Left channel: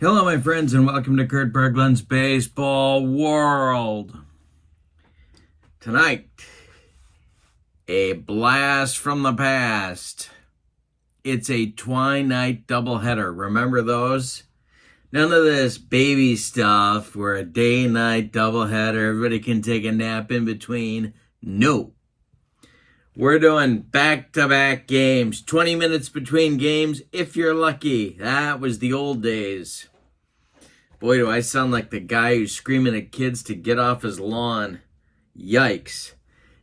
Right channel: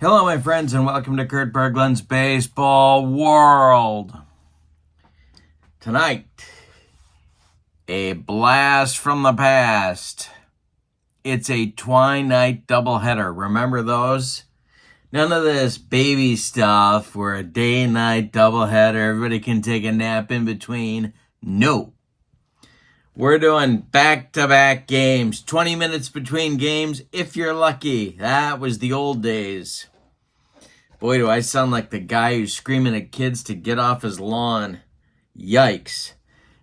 Hello, my friends, and welcome to Kurt Berglund's Baseball World. Tonight, a blast from the past. It's a twilight doubleheader. Remember those? None of this baby stuff where a day-night doubleheader, everybody can take a nap in between. No. We're doing back-to-back games, 20 minutes between games if you're lucky. That was the old days. Boy, do I sound like the guy who's screaming at kids to get off his lawn. Yikes.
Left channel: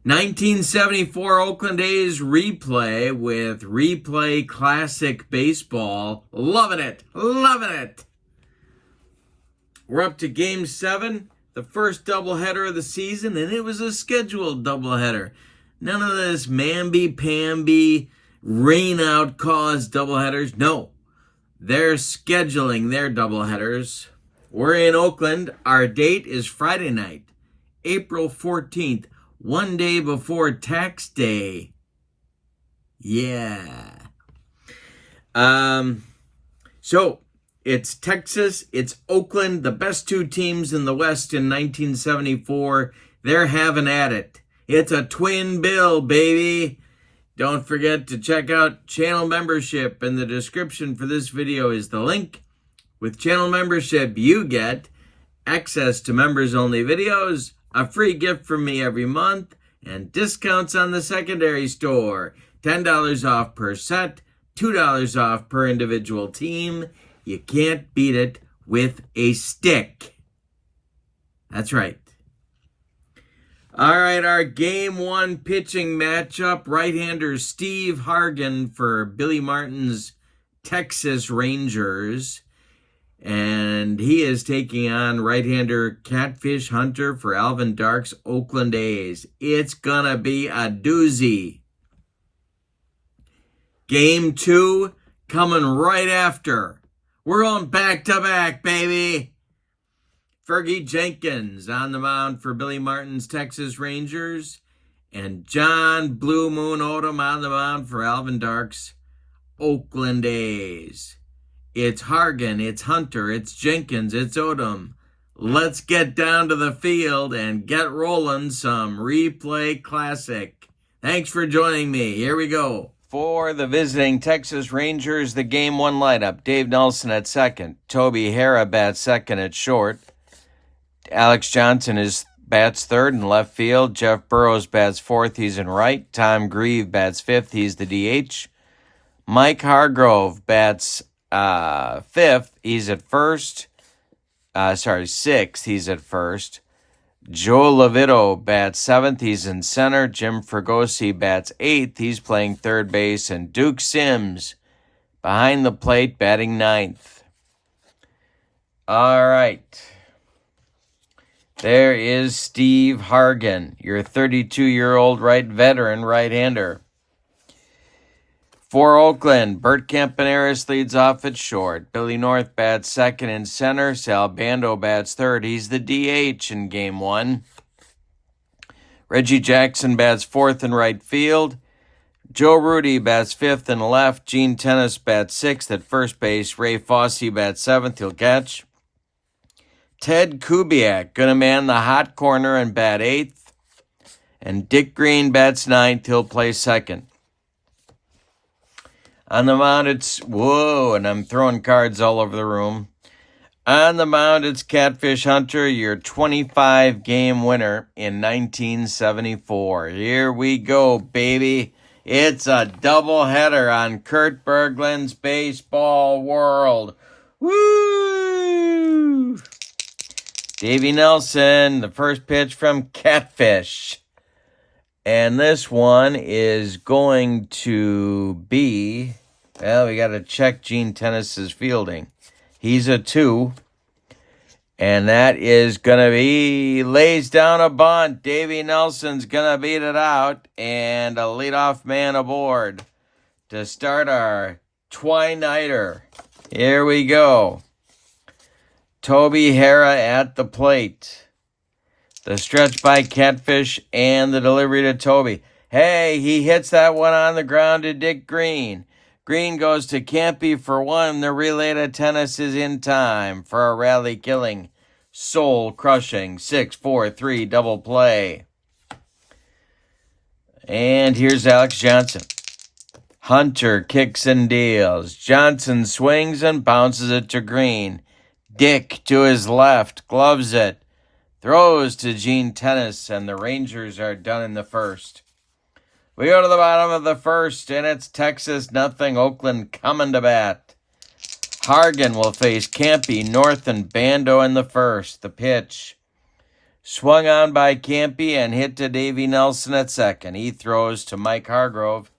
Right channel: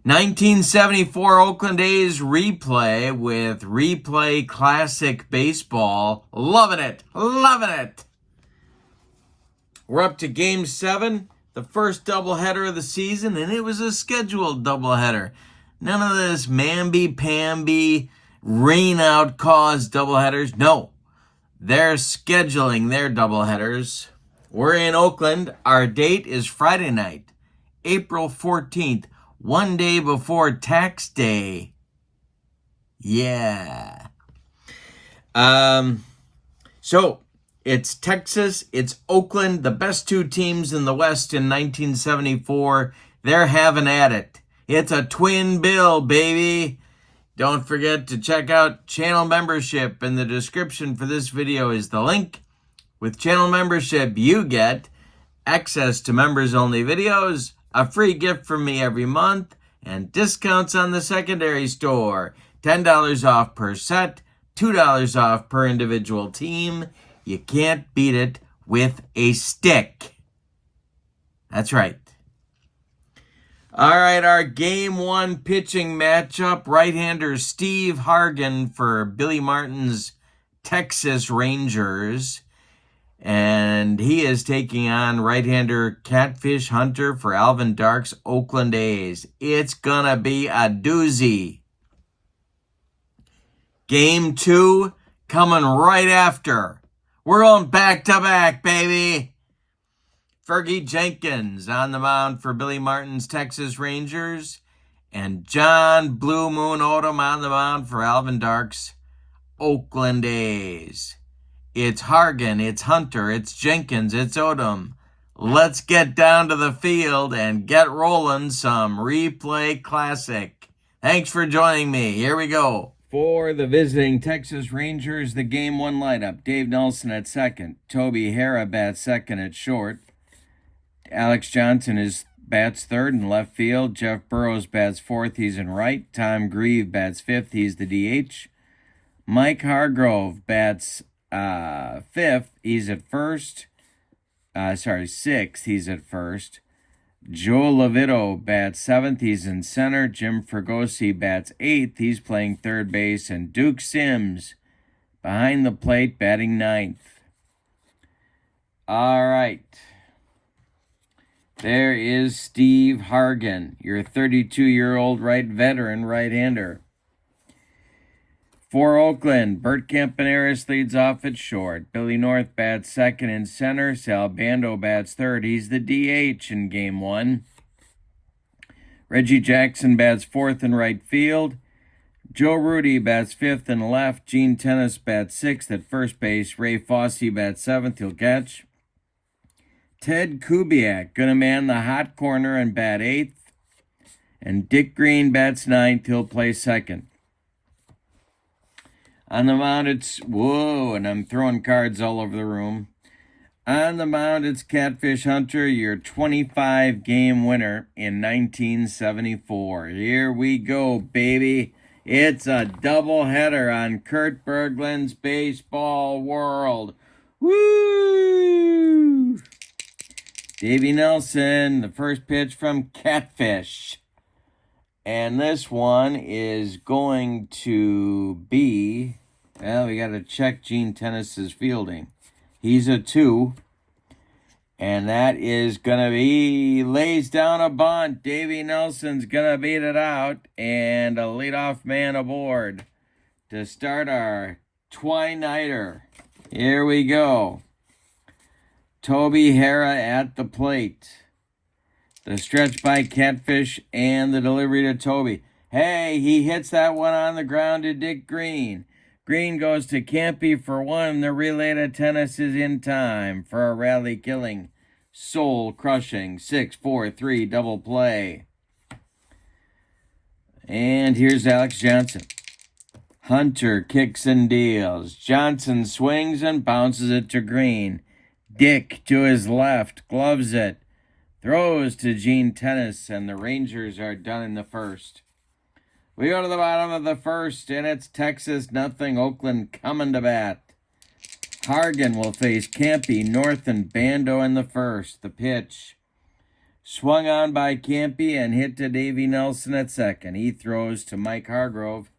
1974 Oakland A's replay with Replay Classic Baseball. Loving it. Loving it. We're up to Game 7, the first doubleheader of the season, and it was a scheduled doubleheader. None of this mamby-pamby, rain-out caused doubleheaders. No, they're scheduling their doubleheaders. We're in Oakland. Our date is Friday night, April 14th, one day before tax day. Yeah. So it's Texas, it's Oakland, the best two teams in the West in 1974. They're having at it. It's a twin bill, baby. Don't forget to check out channel membership. In the description for this video is the link. With channel membership, you get access to members-only videos, a free gift from me every month, and discounts on the secondary store. $10 off per set, $2 off per individual team. You can't beat it with a stick. That's right. All right, our Game 1 pitching matchup, right-hander Steve Hargan for Billy Martin's Texas Rangers. And he is taking on right-hander Catfish Hunter for Alvin Dark's Oakland A's. It's gonna be a doozy. Game 2 coming right after. We're on back-to-back, baby. Fergie Jenkins on the mound for Billy Martin's Texas Rangers. And John Blue Moon Odom on the mound for Alvin Dark's Oakland A's. It's Hargan, it's Hunter, it's Jenkins, it's Odom. Let's get down to the field and get rolling some Replay Classic. Thanks for joining me. Here we go. For the visiting Texas Rangers, the Game 1 lineup. Dave Nelson at second. Toby Harrah bats second at short. Alex Johnson bats third in left field. Jeff Burrows bats fourth. He's in right. Tom Grieve bats fifth. He's the DH. Mike Hargrove bats fifth. He's at first. Sixth. He's at first. Joe Levitto bats seventh. He's in center. Jim Fregosi bats eighth. He's playing third base. And Duke Sims behind the plate batting ninth. All right. There is Steve Hargan, your 32-year-old veteran right-hander. For Oakland, Bert Campaneris leads off at short. Billy North bats second in center. Sal Bando bats third. He's the DH in Game 1. Reggie Jackson bats fourth in right field. Joe Rudy bats fifth in left. Gene Tennis bats sixth at first base. Ray Fosse bats seventh. He'll catch. Ted Kubiak gonna man the hot corner and bat eighth. And Dick Green bats ninth. He'll play second. On the mound, and I'm throwing cards all over the room. On the mound, it's Catfish Hunter, your 25-game winner in 1974. Here we go, baby. It's a doubleheader on Kurt Berglund's Baseball World. Woo! Davey Nelson, the first pitch from Catfish. And this one is going to be, well, we got to check Gene Tennis's fielding. He's a 2. And that is going to be, lays down a bunt. Davey Nelson's going to beat it out. And a leadoff man aboard to start our twilighter. Here we go. Toby Harrah at the plate. The stretch by Catfish and the delivery to Toby. Hey, he hits that one on the ground to Dick Green. Green goes to Campy for one. The relay to tennis is in time for a rally-killing, soul-crushing 6-4-3 double play. And here's Alex Johnson. Hunter kicks and deals. Johnson swings and bounces it to Green. Dick to his left, gloves it. Throws to Gene Tennis, and the Rangers are done in the first. We go to the bottom of the first, and it's Texas nothing, Oakland coming to bat. Hargan will face Campy, North, and Bando in the first. The pitch. Swung on by Campy and hit to Davey Nelson at second. He throws to Mike Hargrove,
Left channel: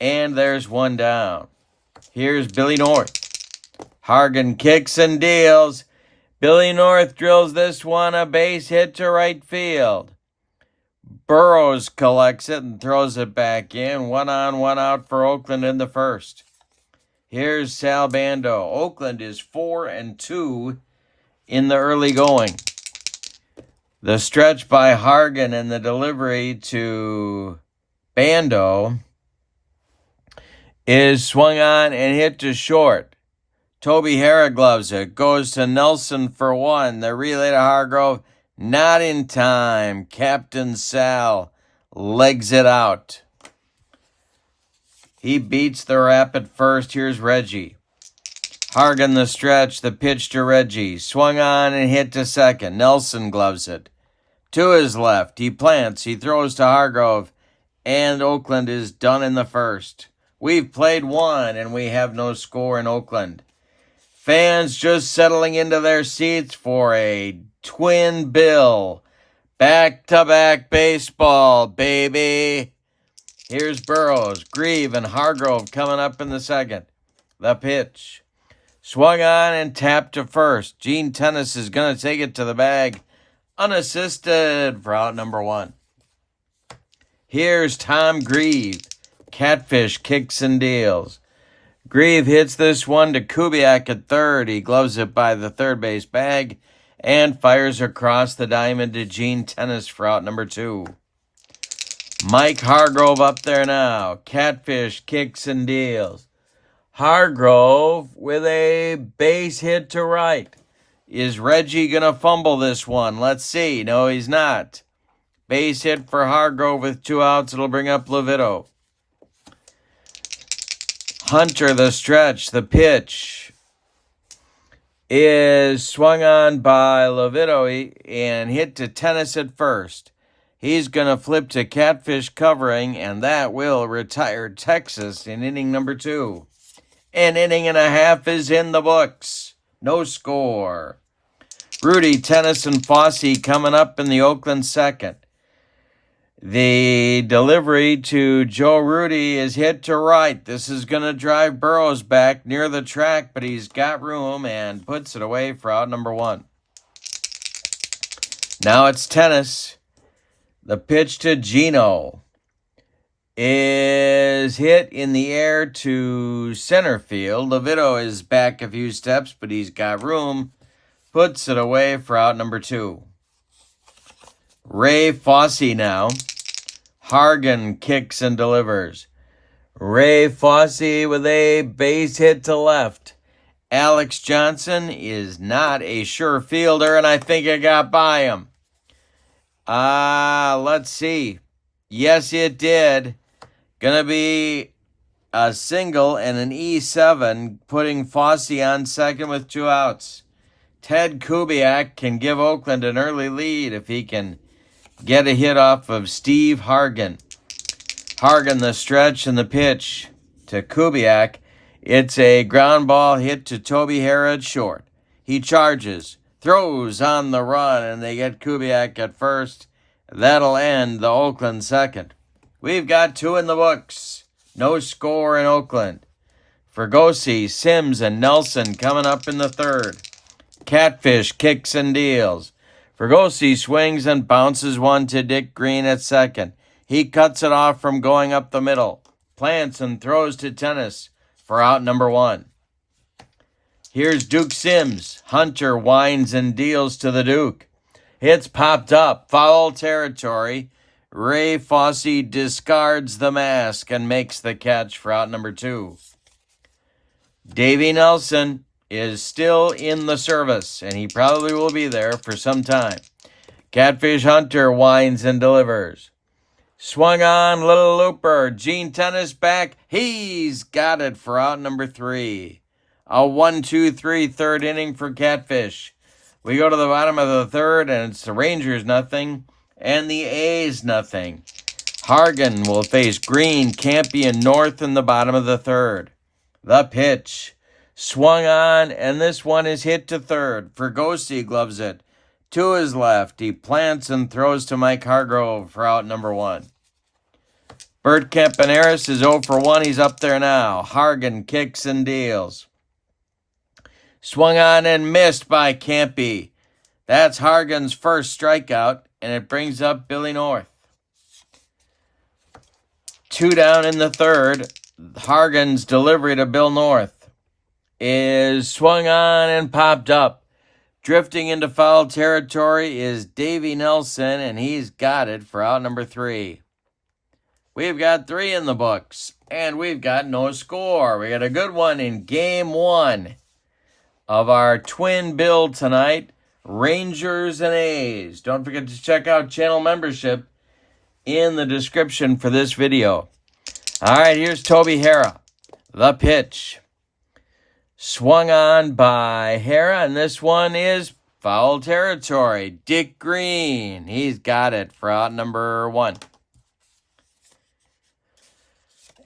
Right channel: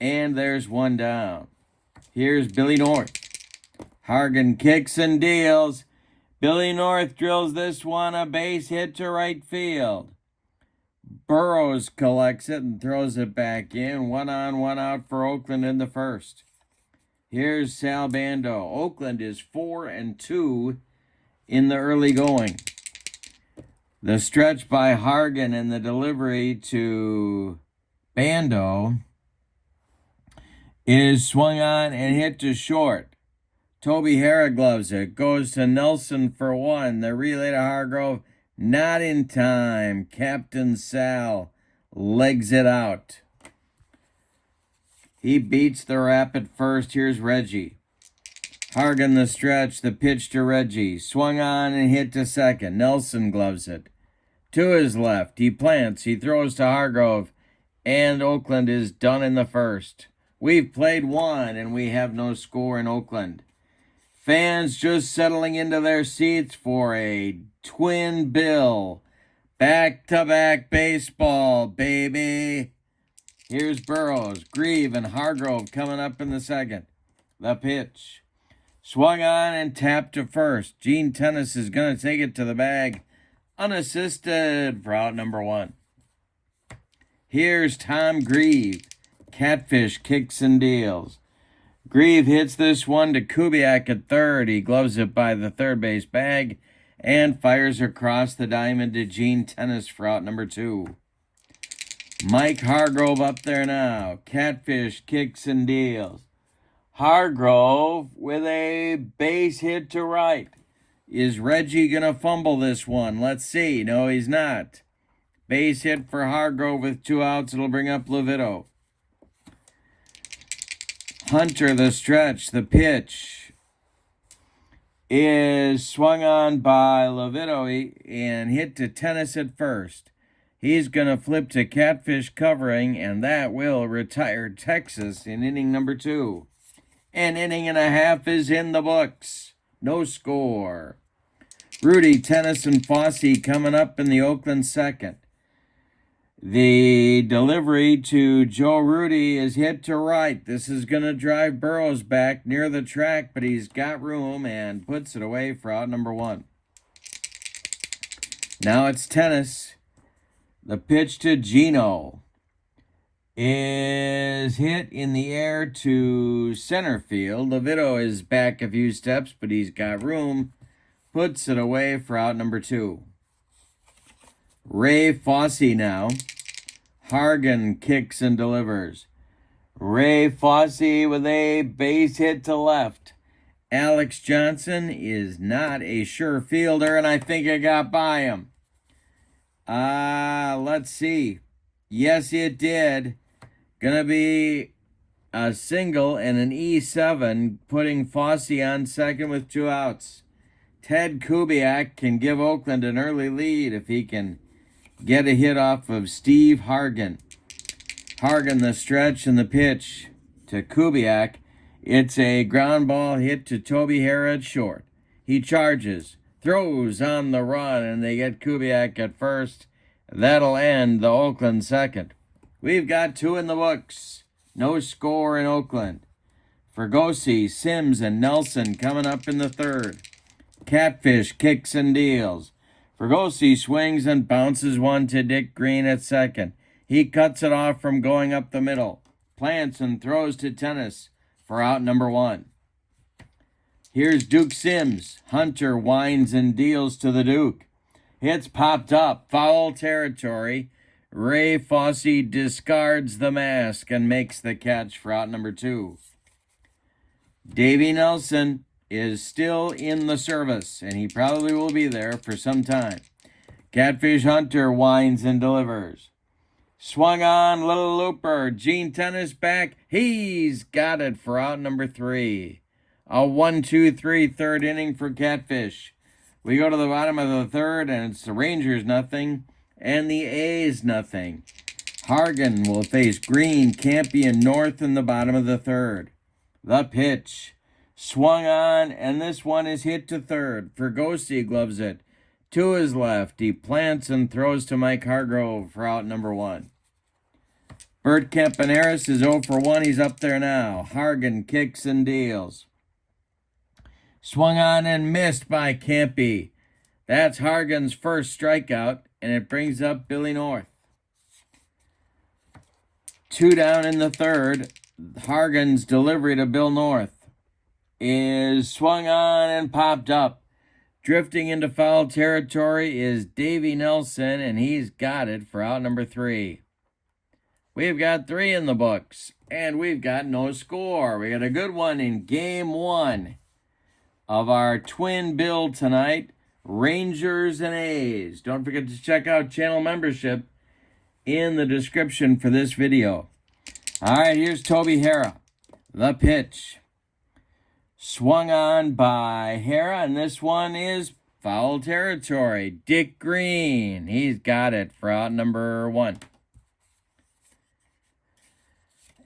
and there's one down. Here's Billy North. Hargan kicks and deals. Billy North drills this one, a base hit to right field. Burrows collects it and throws it back in. 1 on, 1 out for Oakland in the first. Here's Sal Bando. Oakland is 4-2 in the early going. The stretch by Hargan and the delivery to Bando is swung on and hit to short. Toby Harra gloves it. Goes to Nelson for one. The relay to Hargrove. Not in time. Captain Sal legs it out. He beats the Rapid first. Here's Reggie. Hargan the stretch. The pitch to Reggie. Swung on and hit to second. Nelson gloves it. To his left. He plants. He throws to Hargrove. And Oakland is done in the first. We've played one and we have no score in Oakland. Fans just settling into their seats for a twin bill. Back-to-back baseball, baby. Here's Burrows, Grieve, and Hargrove coming up in the second. The pitch. Swung on and tapped to first. Gene Tennis is going to take it to the bag. Unassisted for out number one. Here's Tom Grieve. Catfish kicks and deals. Grieve hits this one to Kubiak at third. He gloves it by the third base bag and fires across the diamond to Gene Tennis for out number two. Mike Hargrove up there now. Catfish kicks and deals. Hargrove with a base hit to right. Is Reggie going to fumble this one? Let's see. No, he's not. Base hit for Hargrove with 2 outs. It'll bring up Levitto. Hunter the stretch. The pitch is swung on by Levitto and hit to Tennis at first. He's going to flip to Catfish covering, and that will retire Texas in inning number 2. An inning and a half is in the books. No score. Rudy, Tennis, and Fosse coming up in the Oakland second. The delivery to Joe Rudy is hit to right. This is going to drive Burrows back near the track, but he's got room and puts it away for out number 1. Now it's Tennis. The pitch to Gino is hit in the air to center field. Levitto is back a few steps, but he's got room. Puts it away for out number 2. Ray Fosse now. Hargan kicks and delivers. Ray Fosse with a base hit to left. Alex Johnson is not a sure fielder, and I think it got by him. Let's see. Yes, it did. Gonna be a single and an E7, putting Fosse on second with 2 outs. Ted Kubiak can give Oakland an early lead if he can get a hit off of Steve Hargan. Hargan the stretch and the pitch to Kubiak. It's a ground ball hit to Toby Harra at short. He charges, throws on the run, and they get Kubiak at first. That'll end the Oakland second. We've got 2 in the books. No score in Oakland. Fergosi, Sims, and Nelson coming up in the third. Catfish kicks and deals. Fergosi swings and bounces one to Dick Green at second. He cuts it off from going up the middle. Plants and throws to Tennis for out number 1. Here's Duke Sims. Hunter winds and deals to the Duke. It's popped up. Foul territory. Ray Fosse discards the mask and makes the catch for out number 2. Davey Nelson is still in the service, and he probably will be there for some time. Catfish Hunter winds and delivers. Swung on, Little Looper. Gene Tennis back. He's got it for out number 3. A 1-2-3 third inning for Catfish. We go to the bottom of the third, and it's the Rangers nothing, and the A's nothing. Hargan will face Green, Campy, and North in the bottom of the third. The pitch. Swung on, and this one is hit to third. Fergosi gloves it to his left. He plants and throws to Mike Hargrove for out number 1. Bert Campaneris is 0 for 1. He's up there now. Hargan kicks and deals. Swung on and missed by Campy. That's Hargan's first strikeout, and it brings up Billy North. 2 down in the third. Hargan's delivery to Bill North is swung on and popped up. Drifting into foul territory is Davey Nelson, and he's got it for out number 3. We've got 3 in the books, and we've got no score. We got a good one in Game 1 of our twin build tonight, Rangers and A's. Don't forget to check out channel membership in the description for this video. All right, here's Toby Hara. The pitch. Swung on by Hara, and this one is foul territory. Dick Green, he's got it for out number 1.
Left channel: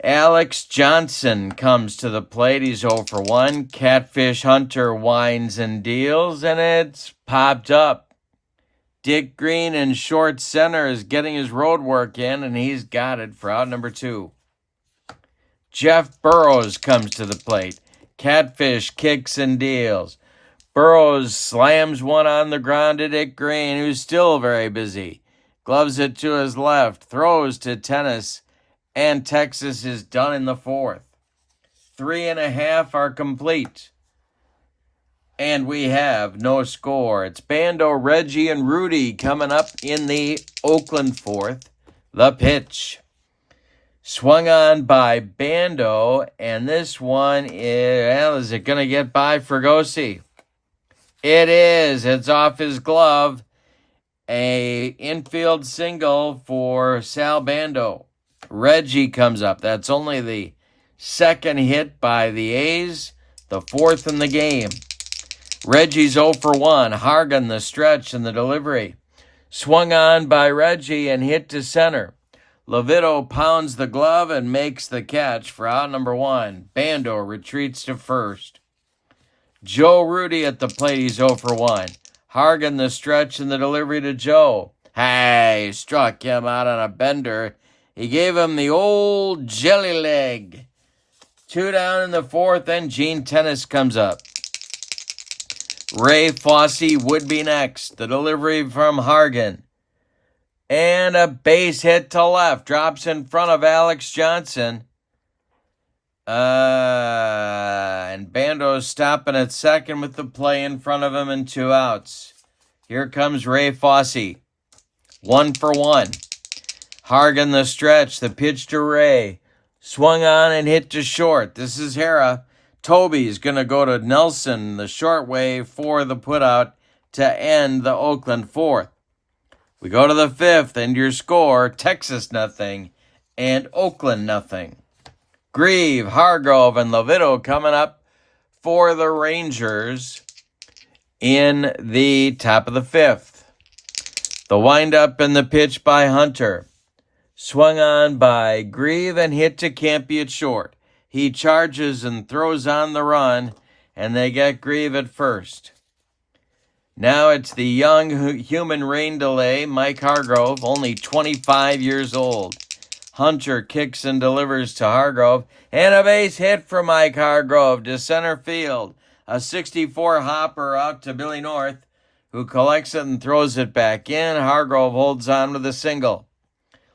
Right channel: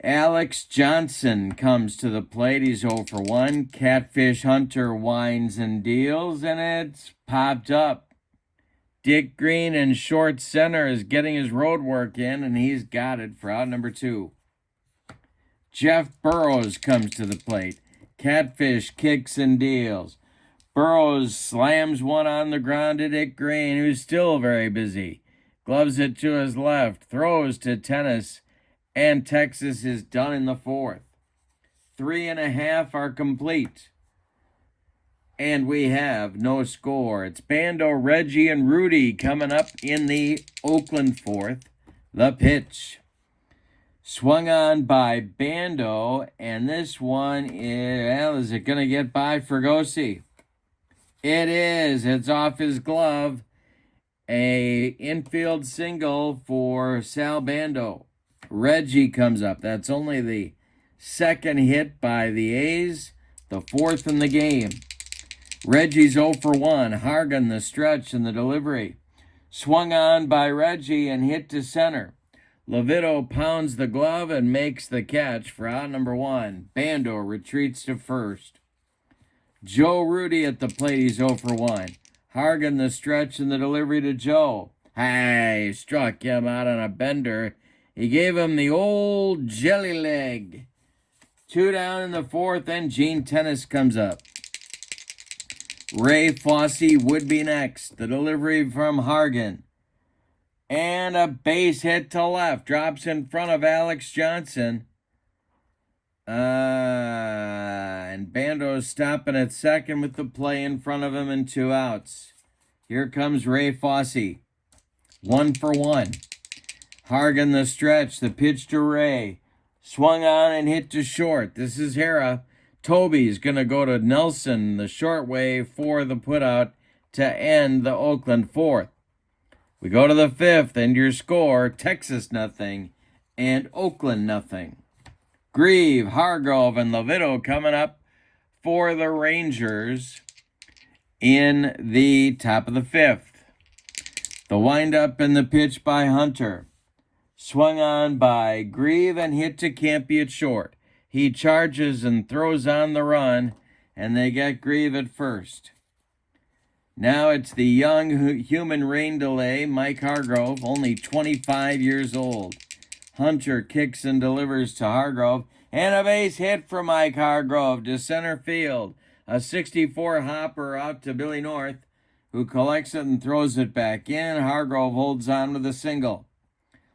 Alex Johnson comes to the plate. He's 0 for 1. Catfish Hunter winds and deals, and it's popped up. Dick Green in short center is getting his road work in, and he's got it for out number 2. Jeff Burrows comes to the plate. Catfish kicks and deals. Burrows slams one on the ground to Dick Green, who's still very busy. Gloves it to his left, throws to Tennis, and Texas is done in the 4th. 3.5 are complete. And we have no score. It's Bando, Reggie, and Rudy coming up in the Oakland 4th. The pitch. Swung on by Bando, and this one is it going to get by Fergosi? It is. It's off his glove. A infield single for Sal Bando. Reggie comes up. That's only the second hit by the A's, the 4th in the game. Reggie's 0 for 1. Hargan the stretch and the delivery. Swung on by Reggie and hit to center. Levito pounds the glove and makes the catch for out number 1. Bando retreats to first. Joe Rudy at the plate. He's 0 for 1. Hargan the stretch and the delivery to Joe. Hey, struck him out on a bender. He gave him the old jelly leg. 2 down in the 4th, and Gene Tennis comes up. Ray Fosse would be next. The delivery from Hargan. And a base hit to left. Drops in front of Alex Johnson. And Bando's stopping at second with the play in front of him and 2 outs. Here comes Ray Fosse. 1 for 1. Hargan the stretch. The pitch to Ray. Swung on and hit to short. This is Hara. Toby's going to go to Nelson the short way for the putout to end the Oakland 4th. We go to the 5th, and your score, Texas nothing and Oakland nothing. Grieve, Hargrove, and Levito coming up for the Rangers in the top of the 5th. The windup and the pitch by Hunter. Swung on by Grieve and hit to Campy at short. He charges and throws on the run, and they get Grieve at first. Now it's the young human rain delay, Mike Hargrove, only 25 years old. Hunter kicks and delivers to Hargrove, and a base hit for Mike Hargrove to center field. A 64 hopper out to Billy North, who collects it and throws it back in. Hargrove holds on with a single.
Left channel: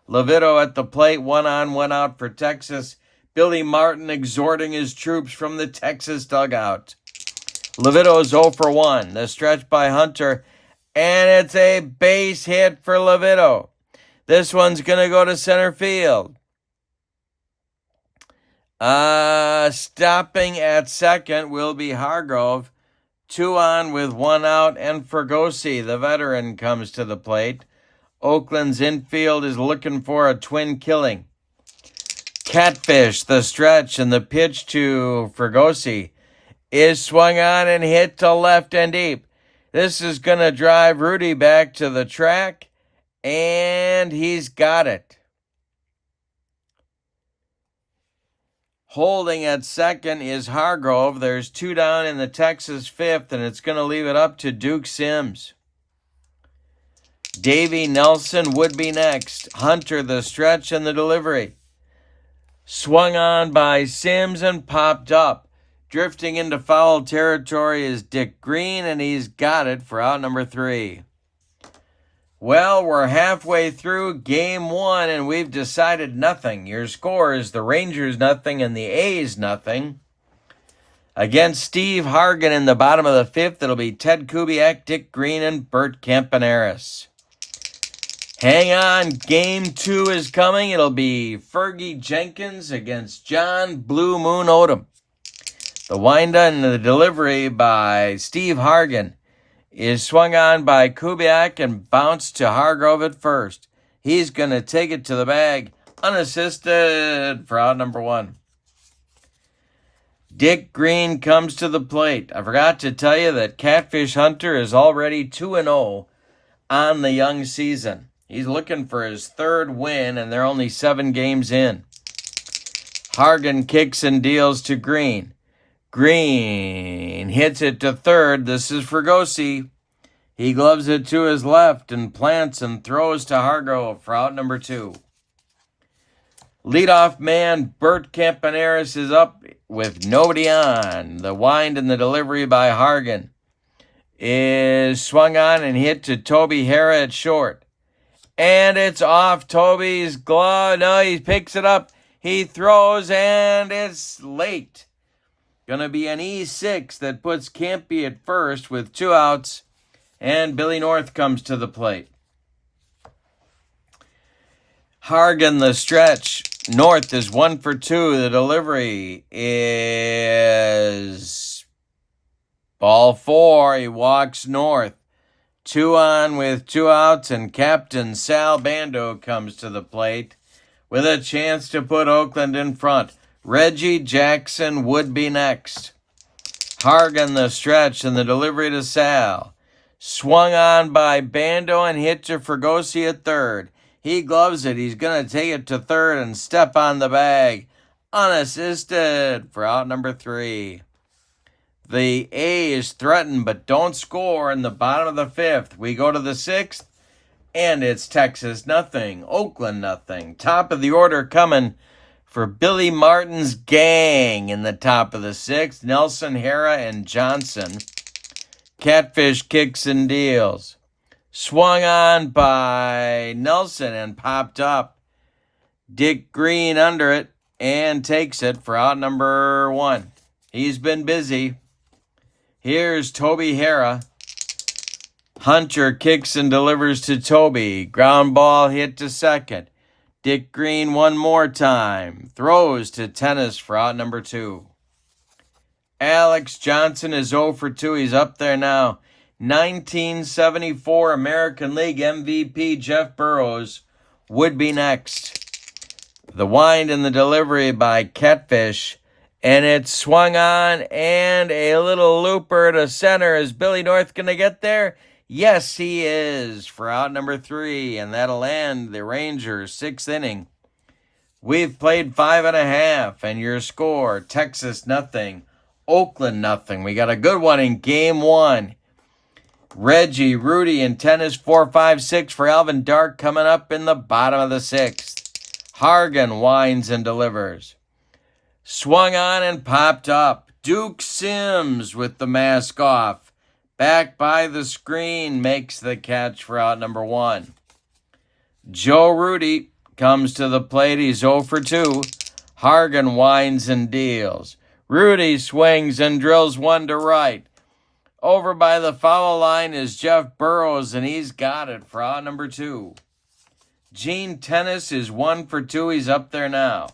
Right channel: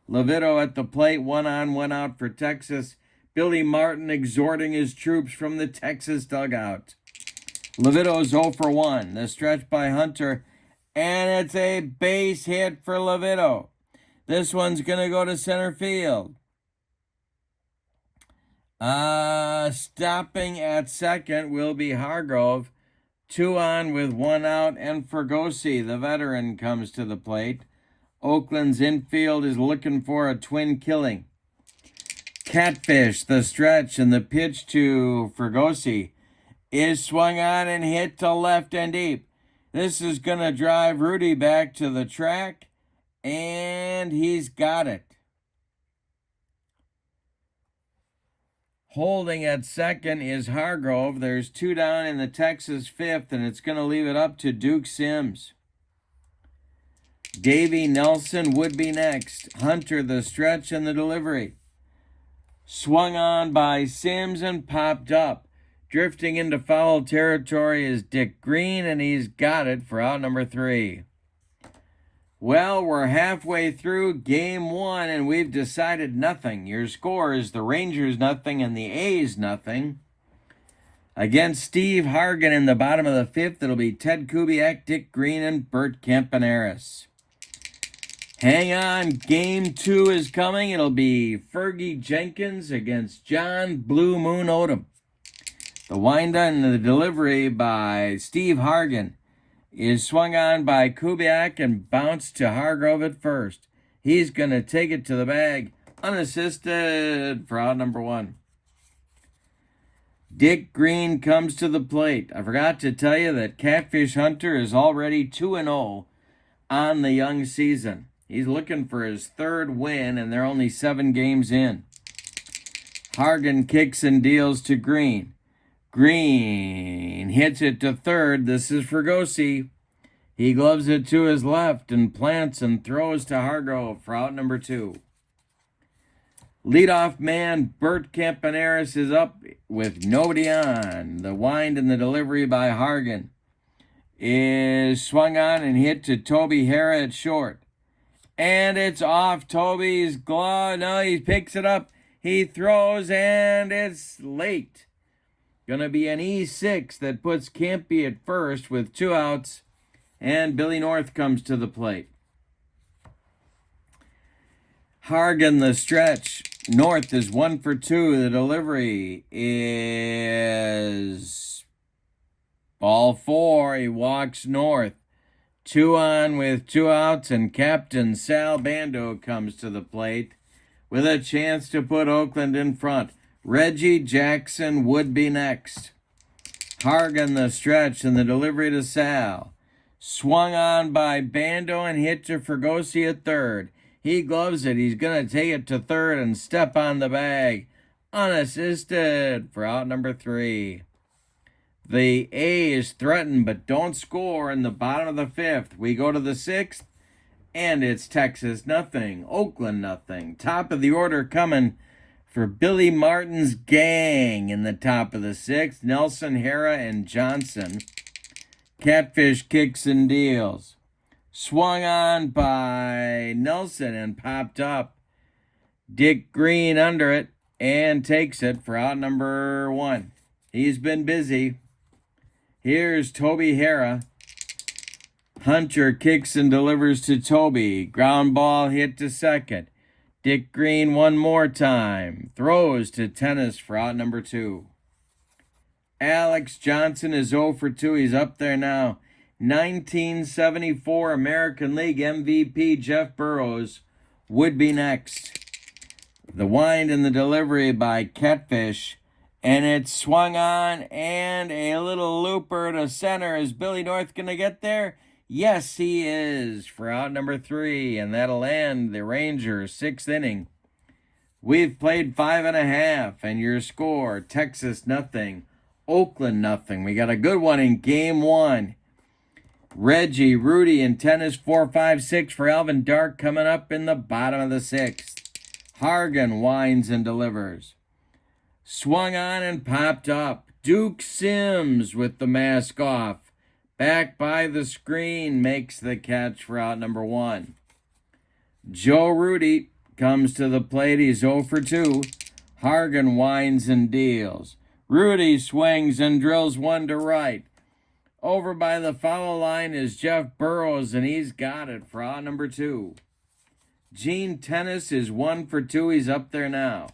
Levito at the plate, 1 on, 1 out for Texas. Billy Martin exhorting his troops from the Texas dugout. Levito's 0 for 1. The stretch by Hunter, and it's a base hit for Levito. This one's going to go to center field. Stopping at second will be Hargrove. 2 on with 1 out, and Fergosi, the veteran, comes to the plate. Oakland's infield is looking for a twin killing. Catfish, the stretch, and the pitch to Fergosi is swung on and hit to left and deep. This is going to drive Rudy back to the track, and he's got it. Holding at second is Hargrove. There's 2 down in the Texas fifth, and it's going to leave it up to Duke Sims. Davey Nelson would be next. Hunter, the stretch, and the delivery. Swung on by Sims and popped up. Drifting into foul territory is Dick Green, and he's got it for out number 3. Well, we're halfway through game 1, and we've decided nothing. Your score is the Rangers nothing and the A's nothing. Against Steve Hargan in the bottom of the 5th, it'll be Ted Kubiak, Dick Green, and Bert Campaneris. Hang on, game 2 is coming. It'll be Fergie Jenkins against John Blue Moon Odom. The windup and the delivery by Steve Hargan is swung on by Kubiak and bounced to Hargrove at first. He's going to take it to the bag, unassisted for out number 1. Dick Green comes to the plate. I forgot to tell you that Catfish Hunter is already 2-0 on the young season. He's looking for his 3rd win, and they're only 7 games in. Hargan kicks and deals to Green. Green hits it to third. This is Fergosi. He gloves it to his left and plants and throws to Hargrove for out number 2. Leadoff man Bert Campaneris is up with nobody on. The wind and the delivery by Hargan is swung on and hit to Toby Hara at short. And it's off Toby's glove. No, he picks it up. He throws, and it's late. Going to be an E6 that puts Campy at first with 2 outs, and Billy North comes to the plate. Hargan, the stretch. North is 1 for 2. The delivery is ball 4. He walks North. 2 on with 2 outs, and Captain Sal Bando comes to the plate with a chance to put Oakland in front. Reggie Jackson would be next. Hargan, the stretch, and the delivery to Sal. Swung on by Bando and hit to Fergosi at third. He gloves it. He's going to take it to third and step on the bag. Unassisted for out number 3. The A's threaten but don't score in the bottom of the 5th. We go to the 6th, and it's Texas nothing, Oakland nothing. Top of the order coming for Billy Martin's gang in the top of the 6th. Nelson, Hara, and Johnson. Catfish kicks and deals. Swung on by Nelson and popped up. Dick Green under it and takes it for out number 1. He's been busy. Here's Toby Hara. Hunter kicks and delivers to Toby. Ground ball hit to second. Dick Green one more time. Throws to Tennis for out number 2. Alex Johnson is 0 for 2. He's up there now. 1974 American League MVP Jeff Burroughs would be next. The wind and the delivery by Catfish. And it's swung on, and a little looper to center. Is Billy North going to get there? Yes, he is for out number 3, and that'll end the Rangers' 6th inning. We've played 5.5, and your score, Texas nothing, Oakland nothing. We got a good one in game 1. Reggie, Rudy, and Tennis 4, 5, 6 for Alvin Dark coming up in the bottom of the 6th. Hargan winds and delivers. Swung on and popped up. Duke Sims with the mask off. Back by the screen makes the catch for out number 1. Joe Rudy comes to the plate. He's 0 for 2. Hargan winds and deals. Rudy swings and drills one to right. Over by the foul line is Jeff Burroughs, and he's got it for out number 2. Gene Tennis is 1 for 2. He's up there now.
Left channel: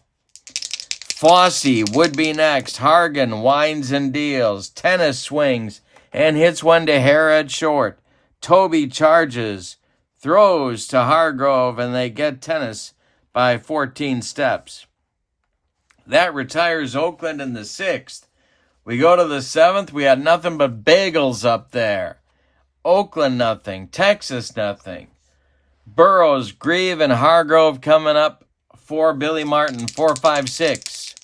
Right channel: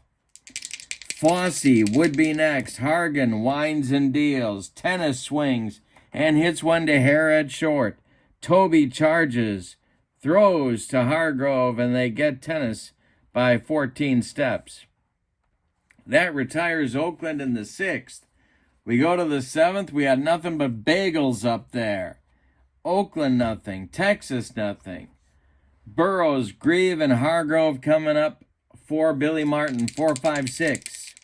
Fossey would be next. Hargan winds and deals. Tennis swings and hits one to hair at short. Toby charges, throws to Hargrove, and they get Tennis by 14 steps. That retires Oakland in the 6th. We go to the 7th. We had nothing but bagels up there. Oakland nothing. Texas nothing. Burroughs, Grieve, and Hargrove coming up for Billy Martin, 4, 5, 6.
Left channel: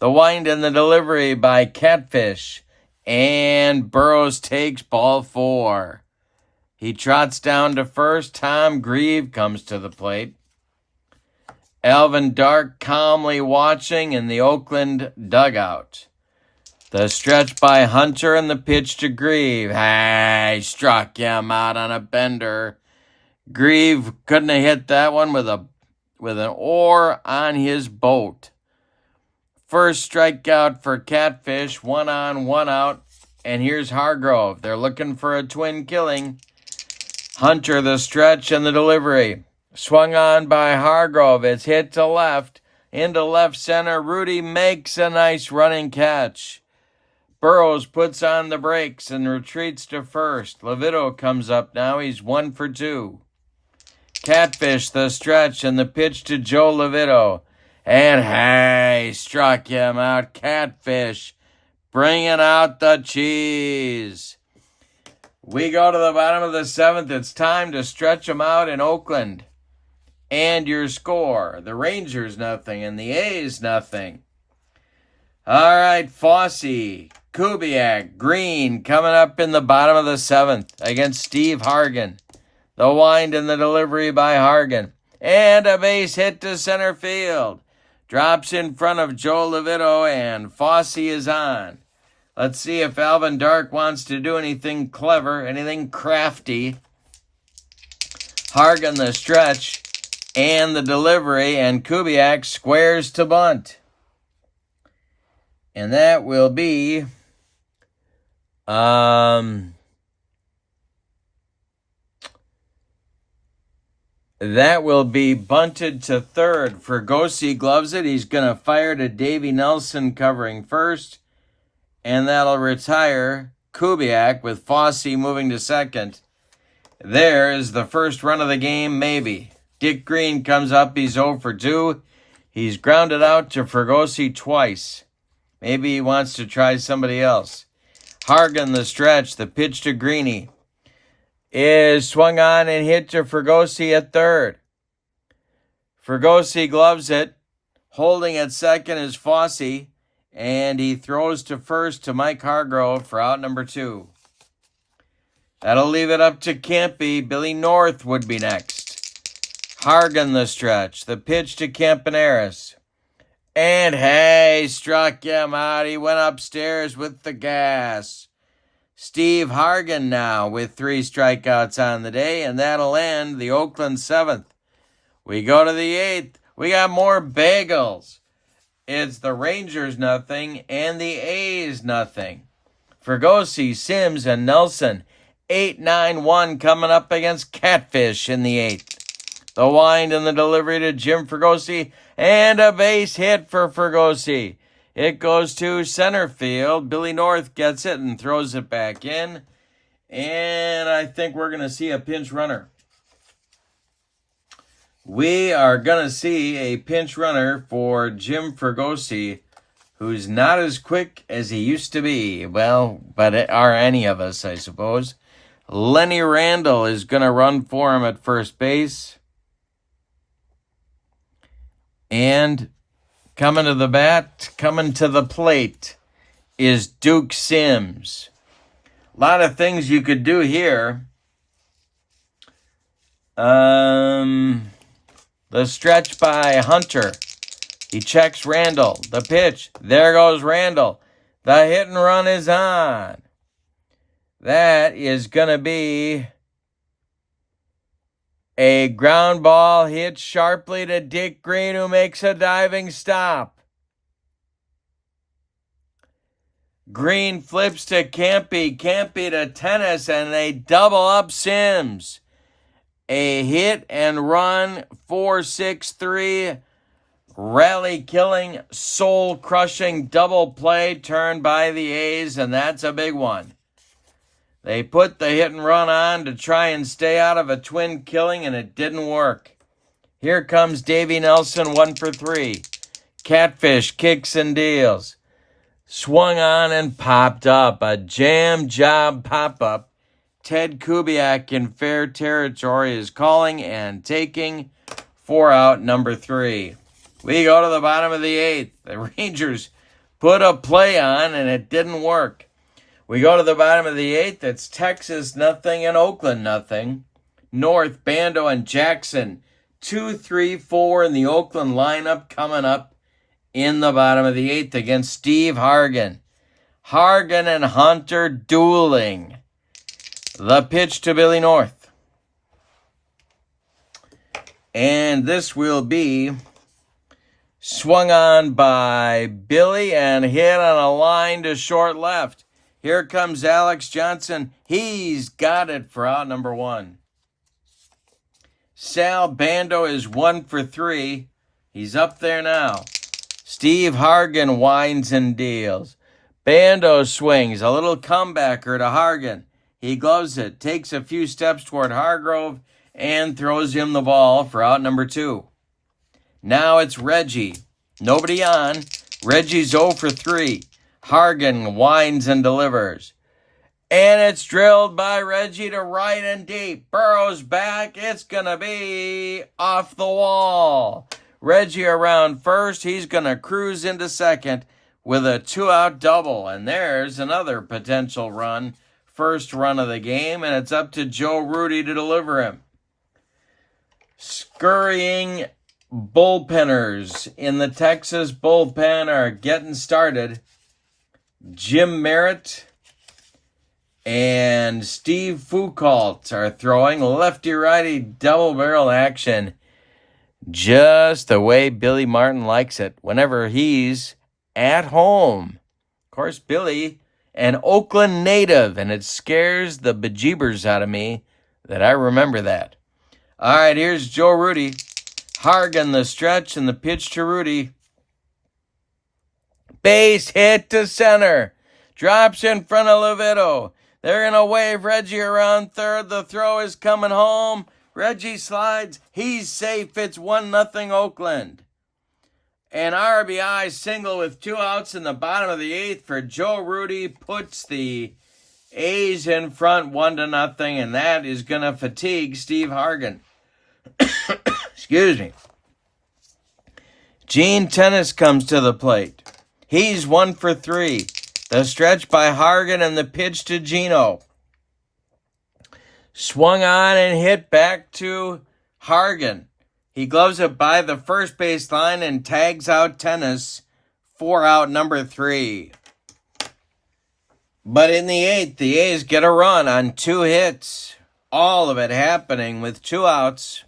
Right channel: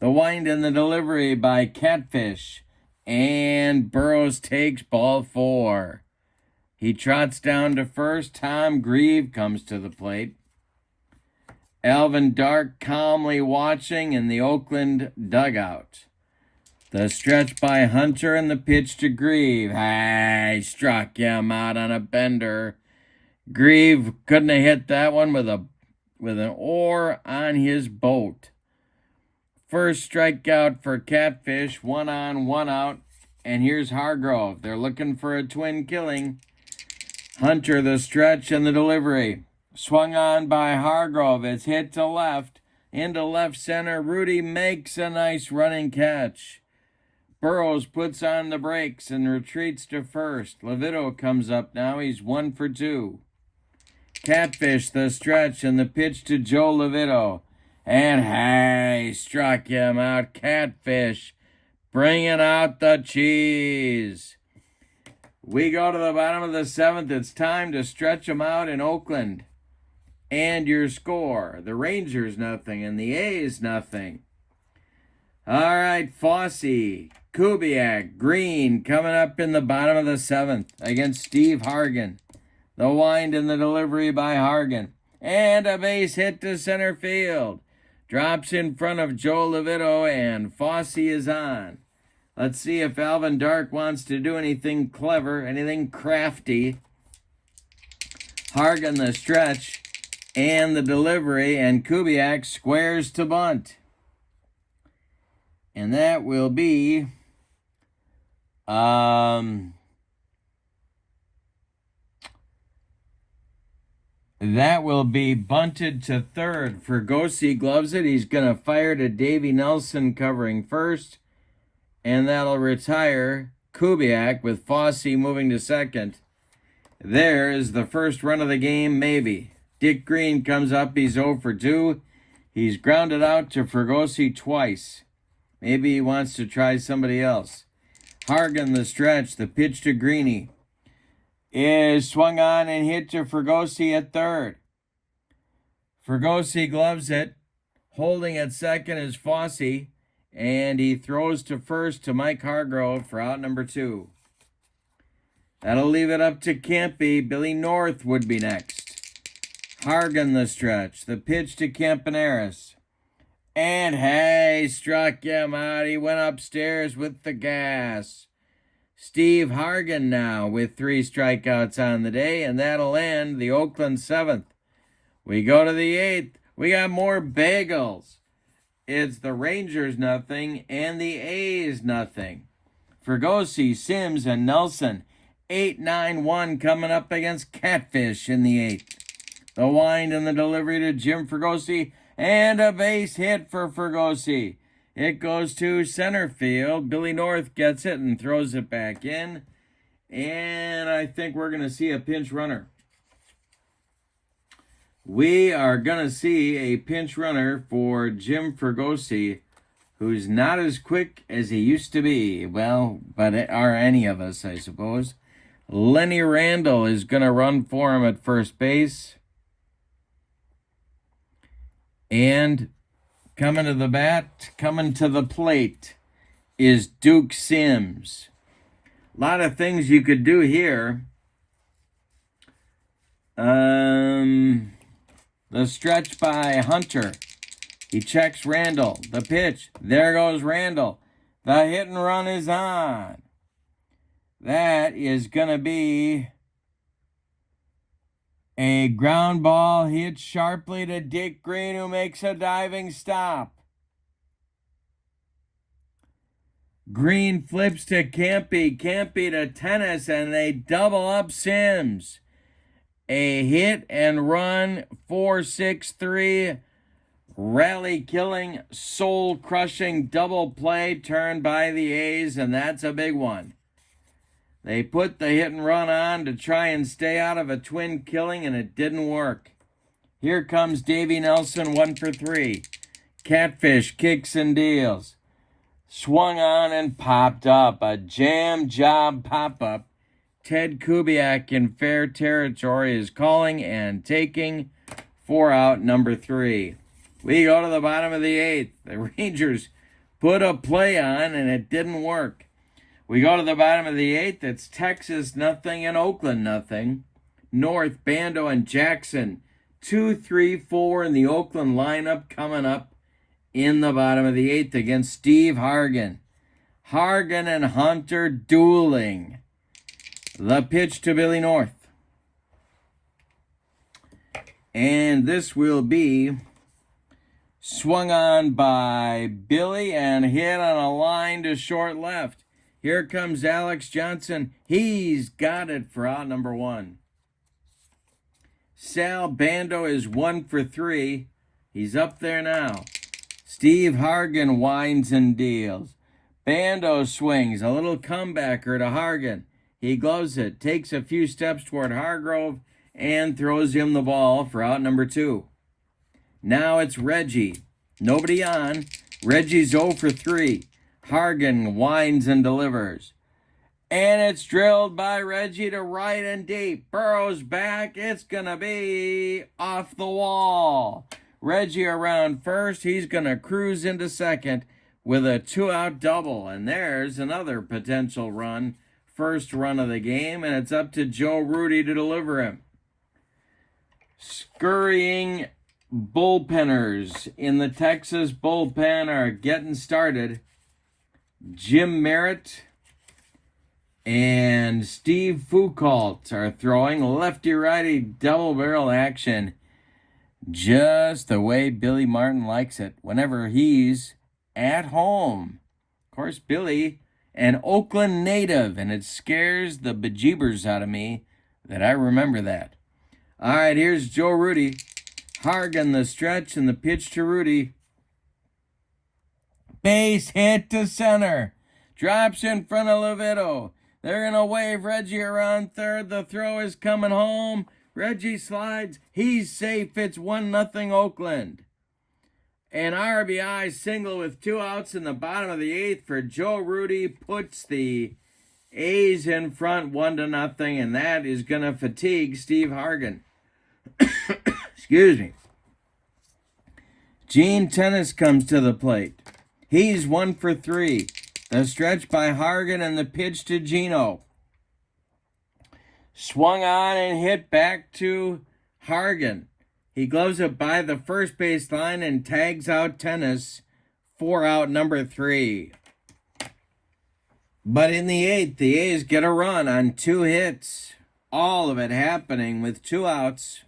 The wind and the delivery by Catfish. And Burroughs takes ball 4. He trots down to first. Tom Grieve comes to the plate. Alvin Dark calmly watching in the Oakland dugout. The stretch by Hunter and the pitch to Grieve. Hey, struck him out on a bender. Grieve couldn't have hit that one with an oar on his boat. First strikeout for Catfish, 1 on, 1 out. And here's Hargrove. They're looking for a twin killing. Hunter, the stretch and the delivery. Swung on by Hargrove. It's hit to left. Into left center. Rudy makes a nice running catch. Burroughs puts on the brakes and retreats to first. Levito comes up now. He's 1 for 2. Catfish, the stretch, and the pitch to Joe Levito. And hey, struck him out. Catfish bringing out the cheese. We go to the bottom of the 7th. It's time to stretch them out in Oakland. And your score. The Rangers nothing and the A's nothing. All right, Fossey, Kubiak, Green coming up in the bottom of the 7th against Steve Hargan. The wind and the delivery by Hargan. And a base hit to center field. Drops in front of Joe Levito, and Fossey is on. Let's see if Alvin Dark wants to do anything clever, anything crafty. Hargan the stretch and the delivery, and Kubiak squares to bunt. And that will be bunted to third. Fergosi gloves it. He's going to fire to Davey Nelson covering first. And that'll retire Kubiak with Fossey moving to second. There is the first run of the game, maybe. Dick Green comes up. He's 0 for 2. He's grounded out to Fergosi twice. Maybe he wants to try somebody else. Hargan the stretch. The pitch to Greeny is swung on and hit to Fergosi at third. Fergosi gloves it. Holding at second is Fossey. And he throws to first to Mike Hargrove for out number 2. That'll leave it up to Campy. Billy North would be next. Hargan the stretch. The pitch to Campaneris. And hey, struck him out. He went upstairs with the gas. Steve Hargan now with 3 strikeouts on the day, and that'll end the Oakland 7th. We go to the 8th. We got more bagels. It's the Rangers nothing and the A's nothing. Fergosi, Sims, and Nelson. 8-9-1 coming up against Catfish in the 8th. The wind and the delivery to Jim Fergosi, and a base hit for Fergosi. It goes to center field. Billy North gets it and throws it back in. And I think we're going to see a pinch runner. We are going to see a pinch runner for Jim Fergosi, who's not as quick as he used to be. Well, but are any of us, I suppose. Lenny Randall is going to run for him at first base. And coming to the bat, coming to the plate, is Duke Sims. A lot of things you could do here. The stretch by Hunter. He checks Randall. The pitch. There goes Randall. The hit and run is on. That is going to be a ground ball hit sharply to Dick Green, who makes a diving stop. Green flips to Campy. Campy to Tennis, and they double up Sims. A hit and run, 4-6-3. Rally-killing, soul-crushing double play turned by the A's, and that's a big one. They put the hit and run on to try and stay out of a twin killing, and it didn't work. Here comes Davey Nelson, 1 for 3. Catfish kicks and deals. Swung on and popped up. A jam job pop-up. Ted Kubiak in fair territory is calling and taking 4 out, number 3. We go to the bottom of the 8th. The Rangers put a play on, and it didn't work. We go to the bottom of the 8th. It's Texas nothing and Oakland nothing. North, Bando, and Jackson 2, 3, 4 in the Oakland lineup coming up in the bottom of the 8th against Steve Hargan. Hargan and Hunter dueling. The pitch to Billy North. And this will be swung on by Billy and hit on a line to short left. Here comes Alex Johnson. He's got it for out number 1. Sal Bando is 1 for 3. He's up there now. Steve Hargan winds and deals. Bando swings, a little comebacker to Hargan. He gloves it, takes a few steps toward Hargrove, and throws him the ball for out number 2. Now it's Reggie. Nobody on. Reggie's 0 for 3. Hargan winds and delivers. And it's drilled by Reggie to right and deep. Burrows back. It's going to be off the wall. Reggie around first. He's going to cruise into second with a 2-out double. And there's another potential run. First run of the game. And it's up to Joe Rudy to deliver him. Scurrying bullpenners in the Texas bullpen are getting started. Jim Merritt and Steve Foucault are throwing lefty-righty double-barrel action just the way Billy Martin likes it whenever he's at home. Of course, Billy, an Oakland native, and it scares the bejeebers out of me that I remember that. All right, here's Joe Rudy. Hargan the stretch and the pitch to Rudy. Base hit to center. Drops in front of Levitto. They're going to wave Reggie around third. The throw is coming home. Reggie slides. He's safe. It's 1-0 Oakland. An RBI single with 2 outs in the bottom of the 8th for Joe Rudy puts the A's in front 1-0, and that is going to fatigue Steve Hargan. Excuse me. Gene Tennis comes to the plate. He's 1 for 3. The stretch by Hargan and the pitch to Gino. Swung on and hit back to Hargan. He gloves it by the first base line and tags out Tennis. 4 out, number 3. But in the 8th, the A's get a run on 2 hits. All of it happening with 2 outs.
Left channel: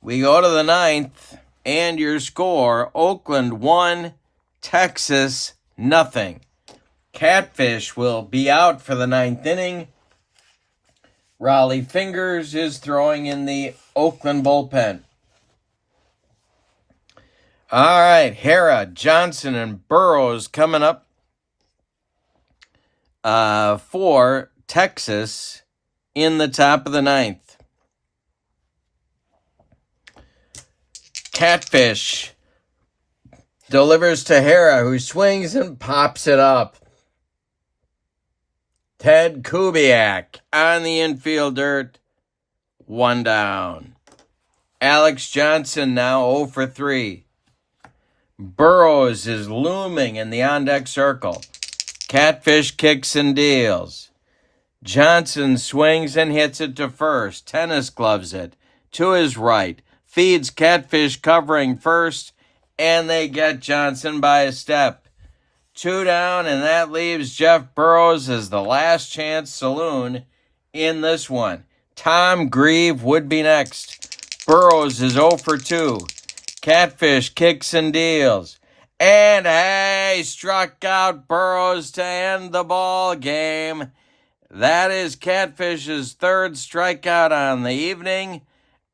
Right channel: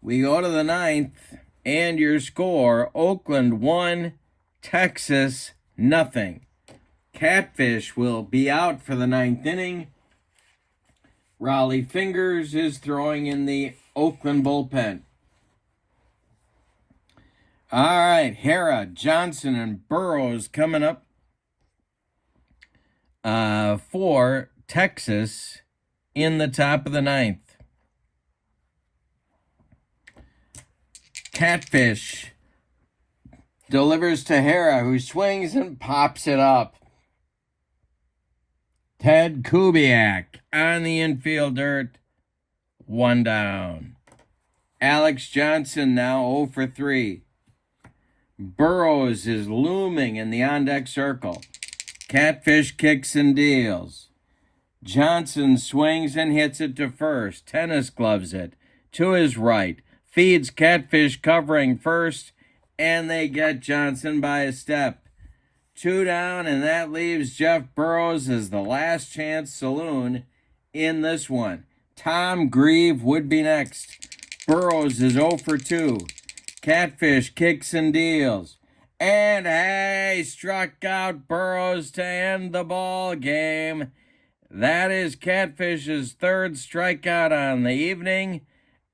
We go to the 9th, and your score, Oakland 1, Texas 0. Catfish will be out for the 9th inning. Raleigh Fingers is throwing in the Oakland bullpen. All right, Hara, Johnson, and Burrows coming up for Texas in the top of the 9th. Catfish delivers to Hara, who swings and pops it up. Ted Kubiak on the infield dirt. 1 down. Alex Johnson now 0 for 3. Burrows is looming in the on-deck circle. Catfish kicks and deals. Johnson swings and hits it to first. Tennis gloves it to his right. Feeds Catfish covering first, and they get Johnson by a step. 2 down, and that leaves Jeff Burrows as the last chance saloon in this one. Tom Grieve would be next. Burrows is 0 for 2. Catfish kicks and deals. And hey, struck out Burrows to end the ball game. That is Catfish's 3rd strikeout on the evening.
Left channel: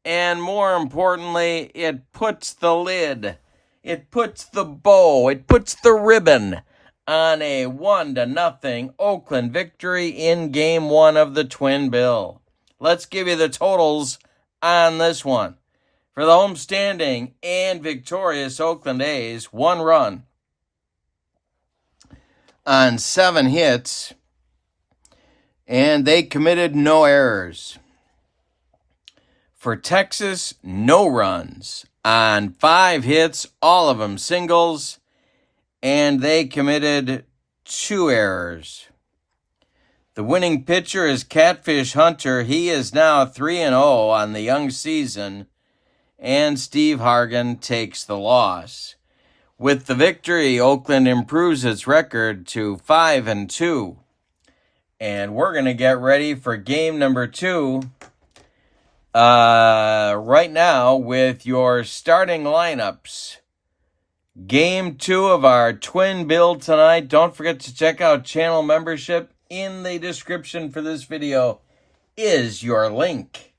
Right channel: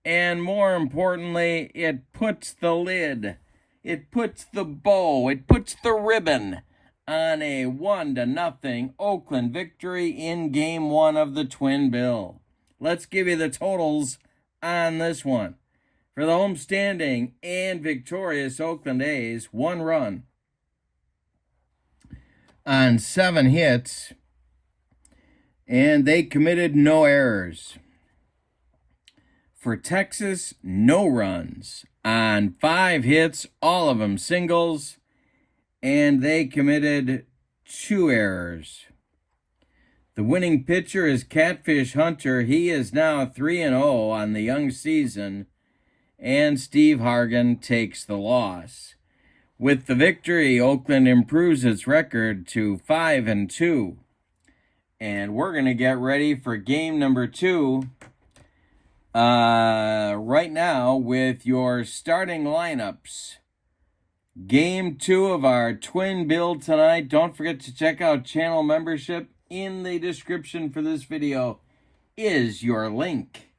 And more importantly, it puts the lid. It puts the bow, it puts the ribbon on a 1-0 Oakland victory in Game 1 of the Twin Bill. Let's give you the totals on this one. For the homestanding and victorious Oakland A's, 1 run on 7 hits, and they committed no errors. For Texas, no runs on 5 hits, all of them singles, and they committed 2 errors. The winning pitcher is Catfish Hunter. He is now 3-0 on the young season, and Steve Hargan takes the loss. With the victory, Oakland improves its record to 5-2. And we're going to get ready for game number 2 right now with your starting lineups. Game 2 of our Twin Bill tonight. Don't forget to check out channel membership. In the description for this video is your link.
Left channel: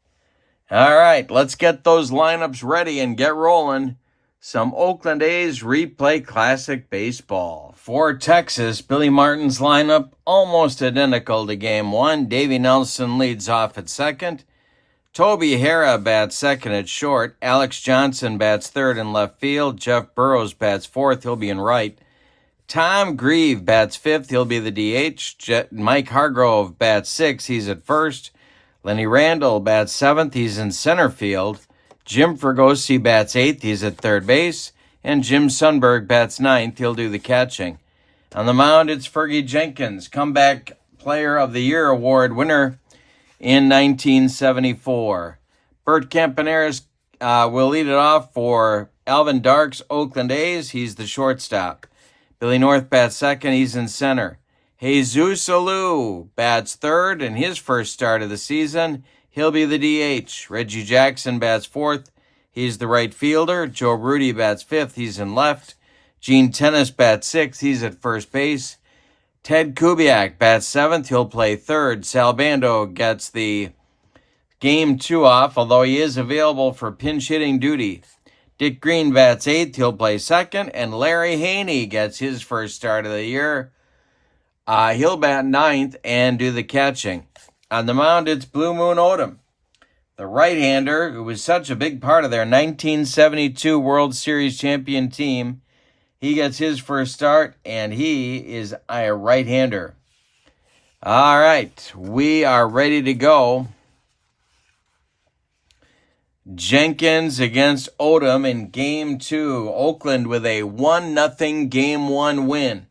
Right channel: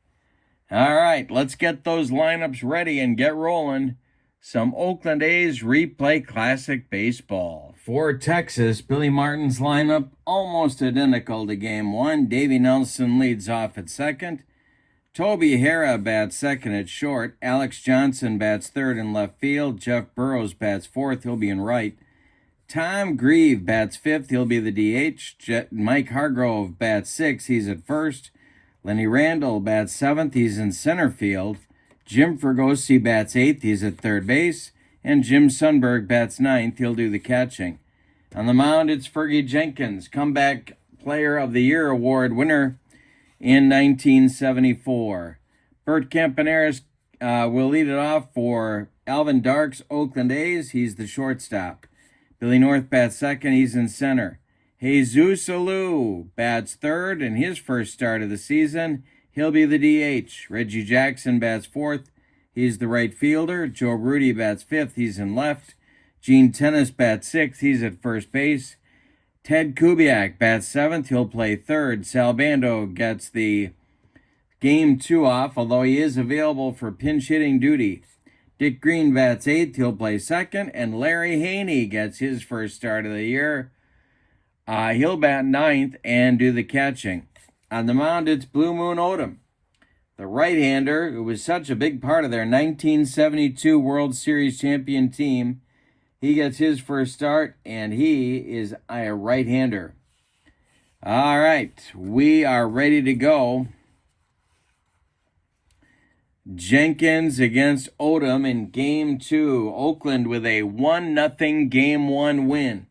All right, let's get those lineups ready and get rolling. Some Oakland A's Replay Classic Baseball. For Texas, Billy Martin's lineup almost identical to Game 1. Davey Nelson leads off at second. Toby Harrah bats second at short. Alex Johnson bats third in left field. Jeff Burrows bats fourth. He'll be in right. Tom Grieve bats fifth. He'll be the DH. Mike Hargrove bats sixth. He's at first. Lenny Randall bats seventh. He's in center field. Jim Fregosi bats eighth. He's at third base. And Jim Sundberg bats ninth. He'll do the catching. On the mound, it's Fergie Jenkins, Comeback Player of the Year award winner in 1974. Bert Campaneris will lead it off for Alvin Dark's Oakland A's. He's the shortstop. Billy North bats second. He's in center. Jesus Alou bats third in his first start of the season. He'll be the DH. Reggie Jackson bats fourth. He's the right fielder. Joe Rudy bats fifth. He's in left. Gene Tennis bats sixth. He's at first base. Ted Kubiak bats seventh. He'll play third. Sal Bando gets the Game 2 off, although he is available for pinch hitting duty. Dick Green bats eighth. He'll play second. And Larry Haney gets his first start of the year. He'll bat ninth and do the catching. On the mound, it's Blue Moon Odom, the right-hander who was such a big part of their 1972 World Series champion team. He gets his first start, and he is a right-hander. All right, we are ready to go. Jenkins against Odom in Game 2. Oakland with a 1-0 Game 1 win.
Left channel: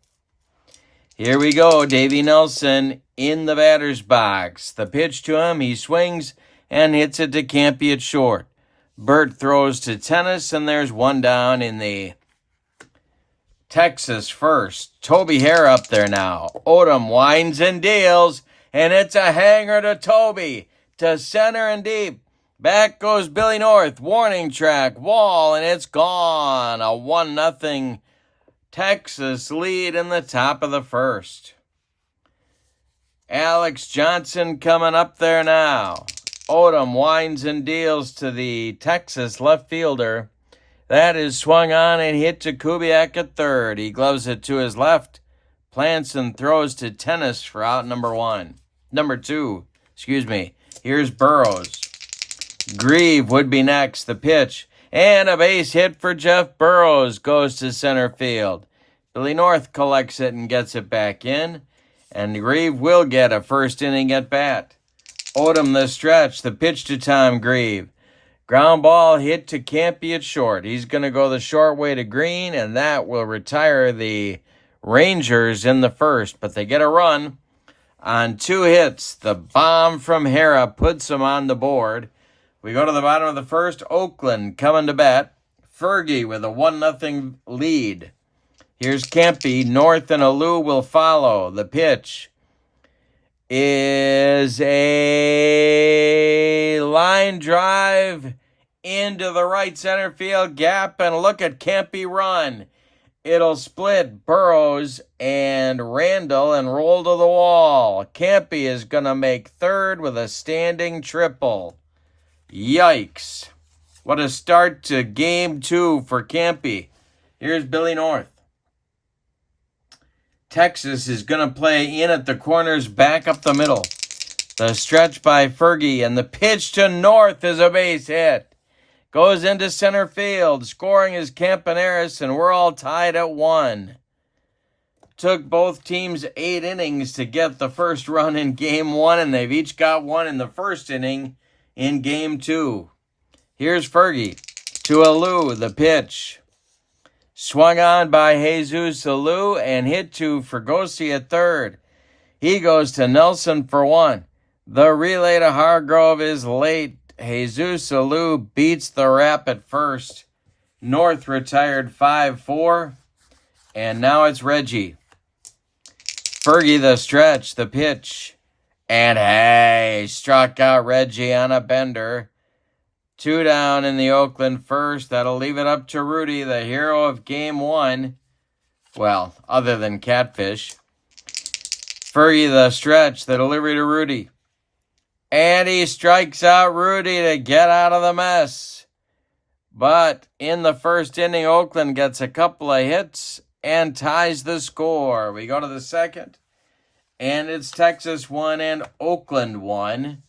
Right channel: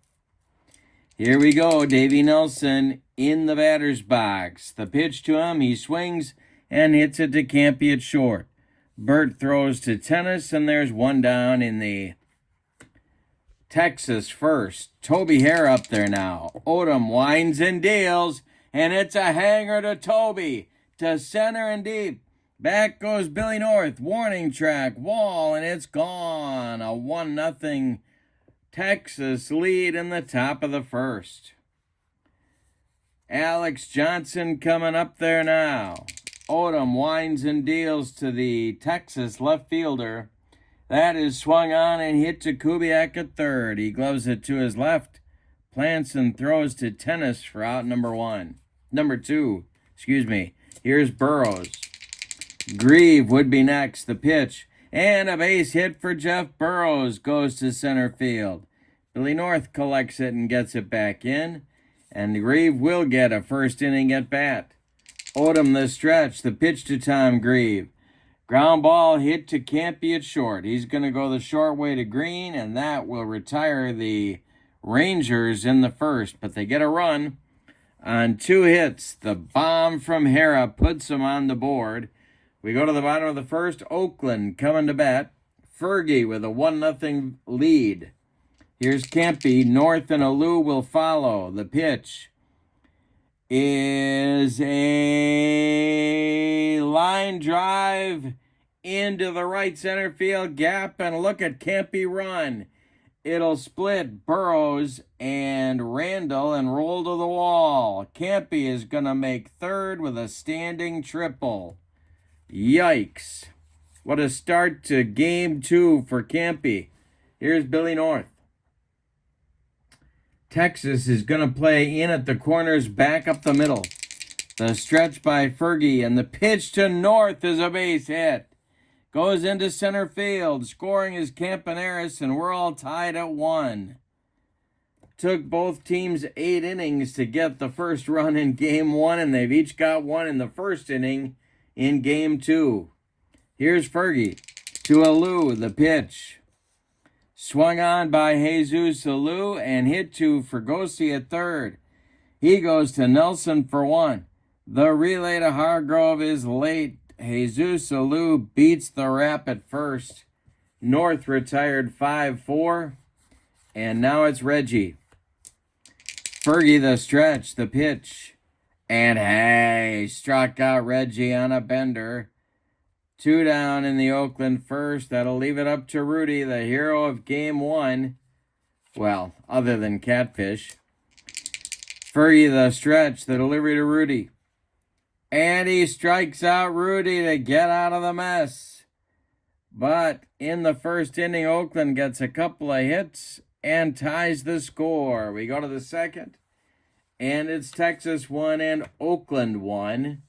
Here we go. Davey Nelson in the batter's box. The pitch to him. He swings and hits it to Campy at short. Bert throws to Tennis, and there's one down in the Texas first. Toby Harrah up there now. Odom winds and deals, and it's a hanger to Toby. To center and deep. Back goes Billy North. Warning track. Wall, and it's gone. A 1-0 Texas lead in the top of the first. Alex Johnson coming up there now. Odom winds and deals to the Texas left fielder. That is swung on and hit to Kubiak at third. He gloves it to his left. Plants and throws to Tennis for out number two. Here's Burrows. Grieve would be next. The pitch. And a base hit for Jeff Burrows goes to center field. Billy North collects it and gets it back in. And Grieve will get a first inning at bat. Odom the stretch. The pitch to Tom Grieve. Ground ball hit to Campy at short. He's going to go the short way to Green, and that will retire the Rangers in the first. But they get a run on 2 hits. The bomb from Harrah puts them on the board. We go to the bottom of the first. Oakland coming to bat. Fergie with a 1-0 lead. Here's Campy. North and Alou will follow. The pitch is a line drive into the right center field gap. And look at Campy run. It'll split Burrows and Randall and roll to the wall. Campy is going to make third with a standing triple. Yikes. What a start to Game 2 for Campy. Here's Billy North. Texas is going to play in at the corners, back up the middle. The stretch by Fergie, and the pitch to North is a base hit. Goes into center field. Scoring is Campaneris, and we're all tied at 1. Took both teams 8 innings to get the first run in Game 1, and they've each got one in the first inning in Game 2. Here's Fergie to Alou, the pitch. Swung on by Jesus Alou and hit to Fregosi at third. He goes to Nelson for 1. The relay to Hargrove is late. Jesus Alou beats the rap at first. North retired 5-4. And now it's Reggie. Fergie the stretch, the pitch. And hey, struck out Reggie on a bender. 2 down in the Oakland first. That'll leave it up to Rudy, the hero of Game 1. Well, other than Catfish. Fergie the stretch, the delivery to Rudy. And he strikes out Rudy to get out of the mess. But in the first inning, Oakland gets a couple of hits and ties the score. We go to the second, and it's Texas 1 and Oakland 1.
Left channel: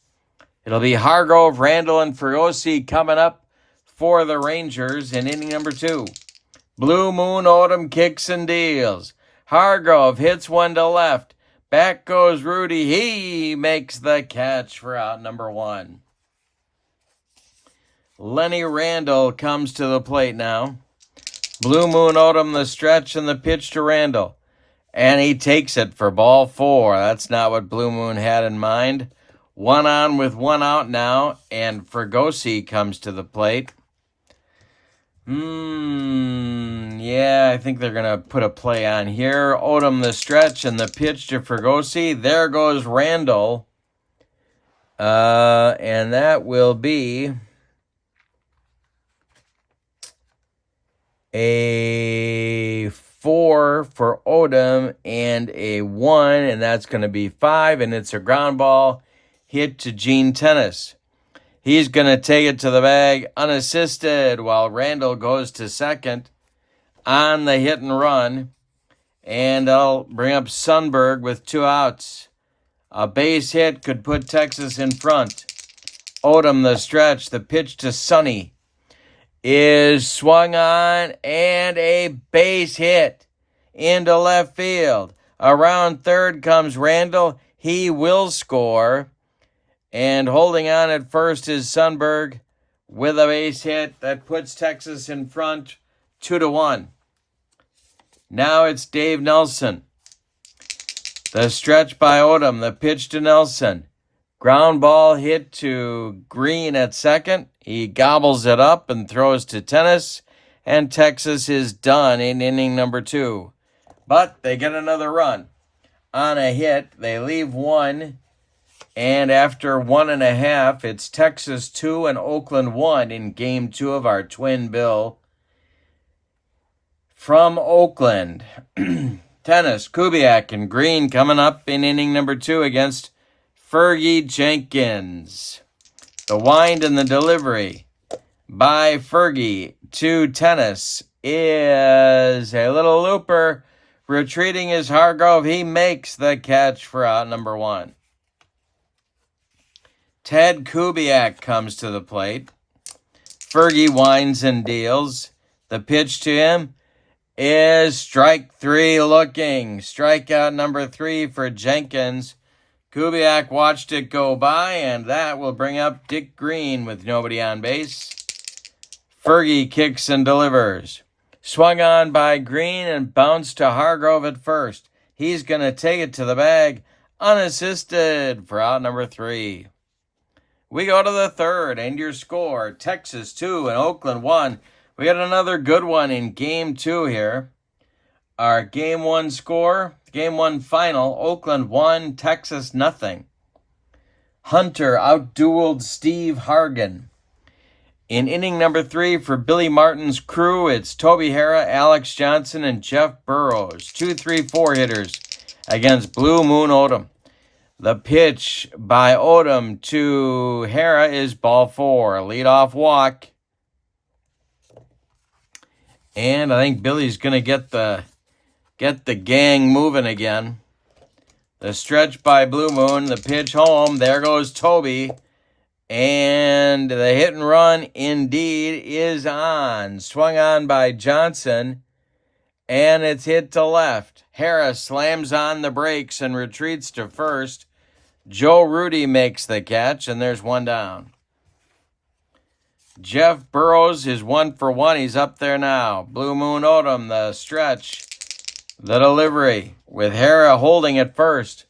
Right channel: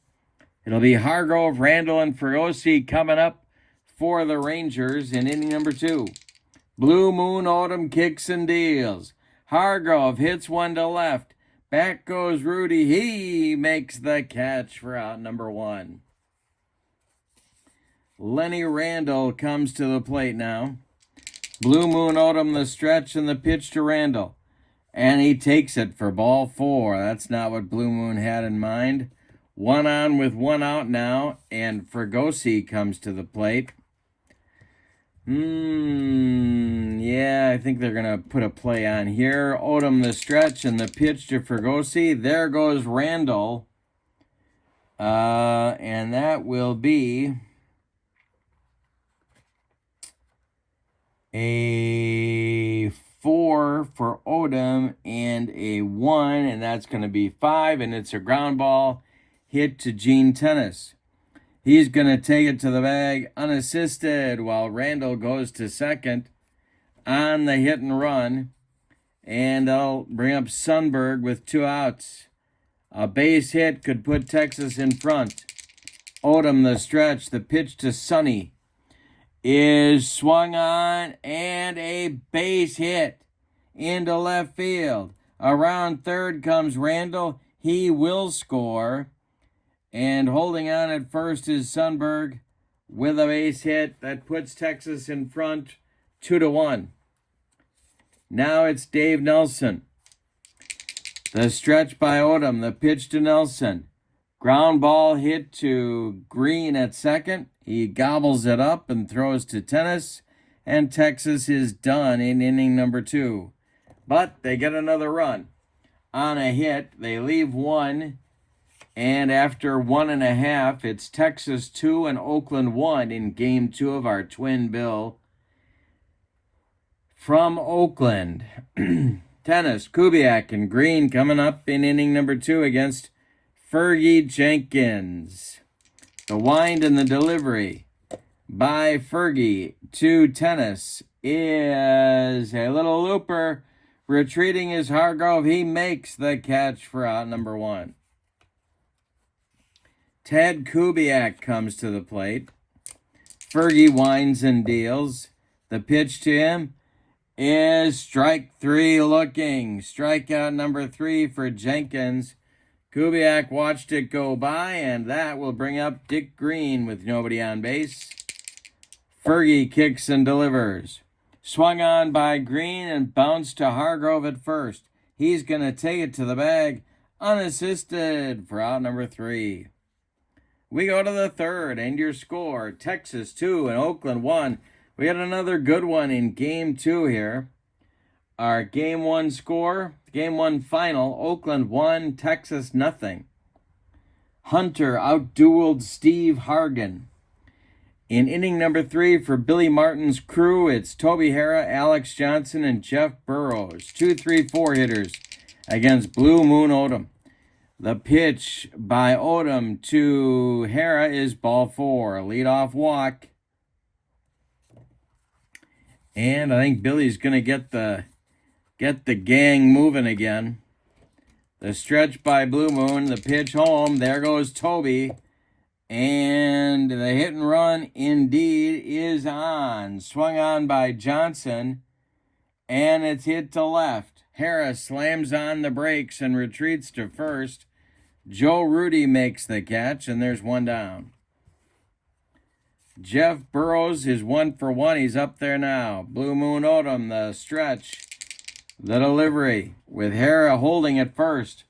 It'll be Hargrove, Randall, and Fregosi coming up for the Rangers in inning number 2. Blue Moon Odom kicks and deals. Hargrove hits one to left. Back goes Rudy. He makes the catch for out number 1. Lenny Randall comes to the plate now. Blue Moon Odom the stretch and the pitch to Randall. And he takes it for ball 4. That's not what Blue Moon had in mind. 1 on with 1 out now, and Fregosi comes to the plate. Yeah, I think they're going to put a play on here. Odom the stretch and the pitch to Fregosi. There goes Randall. And that will be a 4 for Odom and a 1, and that's going to be 5, and it's a ground ball hit to Gene Tennis. He's going to take it to the bag unassisted while Randall goes to second on the hit and run. And I'll bring up Sundberg with 2 outs. A base hit could put Texas in front. Odom the stretch, the pitch to Sonny is swung on and a base hit into left field. Around third comes Randall. He will score. And holding on at first is Sundberg with a base hit that puts Texas in front 2-1. Now it's Dave Nelson. The stretch by Odom, the pitch to Nelson. Ground ball hit to Green at second. He gobbles it up and throws to Tennis. And Texas is done in inning number 2. But they get another run. On a hit, they leave 1. And after 1.5, it's Texas 2 and Oakland 1 in Game 2 of our Twin Bill. From Oakland, Tennis, Kubiak, and Green coming up in inning number 2 against Fergie Jenkins. The wind and the delivery by Fergie to Tennis is a little looper. Retreating is Hargrove. He makes the catch for out number 1. Ted Kubiak comes to the plate. Fergie winds and deals. The pitch to him is strike 3 looking. Strikeout number 3 for Jenkins. Kubiak watched it go by, and that will bring up Dick Green with nobody on base. Fergie kicks and delivers. Swung on by Green and bounced to Hargrove at first. He's going to take it to the bag unassisted for out number 3. We go to the third, and your score, Texas 2 and Oakland 1. We got another good one in Game 2 here. Our Game 1 score, Game 1 final, Oakland 1, Texas nothing. Hunter outdueled Steve Hargan. In inning number 3 for Billy Martin's crew, it's Toby Harra, Alex Johnson, and Jeff Burrows. 2-3-4 hitters against Blue Moon Odom. The pitch by Odom to Harra is ball 4. Leadoff walk. And I think Billy's going to get the gang moving again. The stretch by Blue Moon, the pitch home. There goes Toby. And the hit and run indeed is on. Swung on by Johnson. And it's hit to left. Harris slams on the brakes and retreats to first. Joe Rudy makes the catch, and there's one down. Jeff Burrows is 1 for 1. He's up there now. Blue Moon Odom, the stretch. The delivery with Hara holding at first.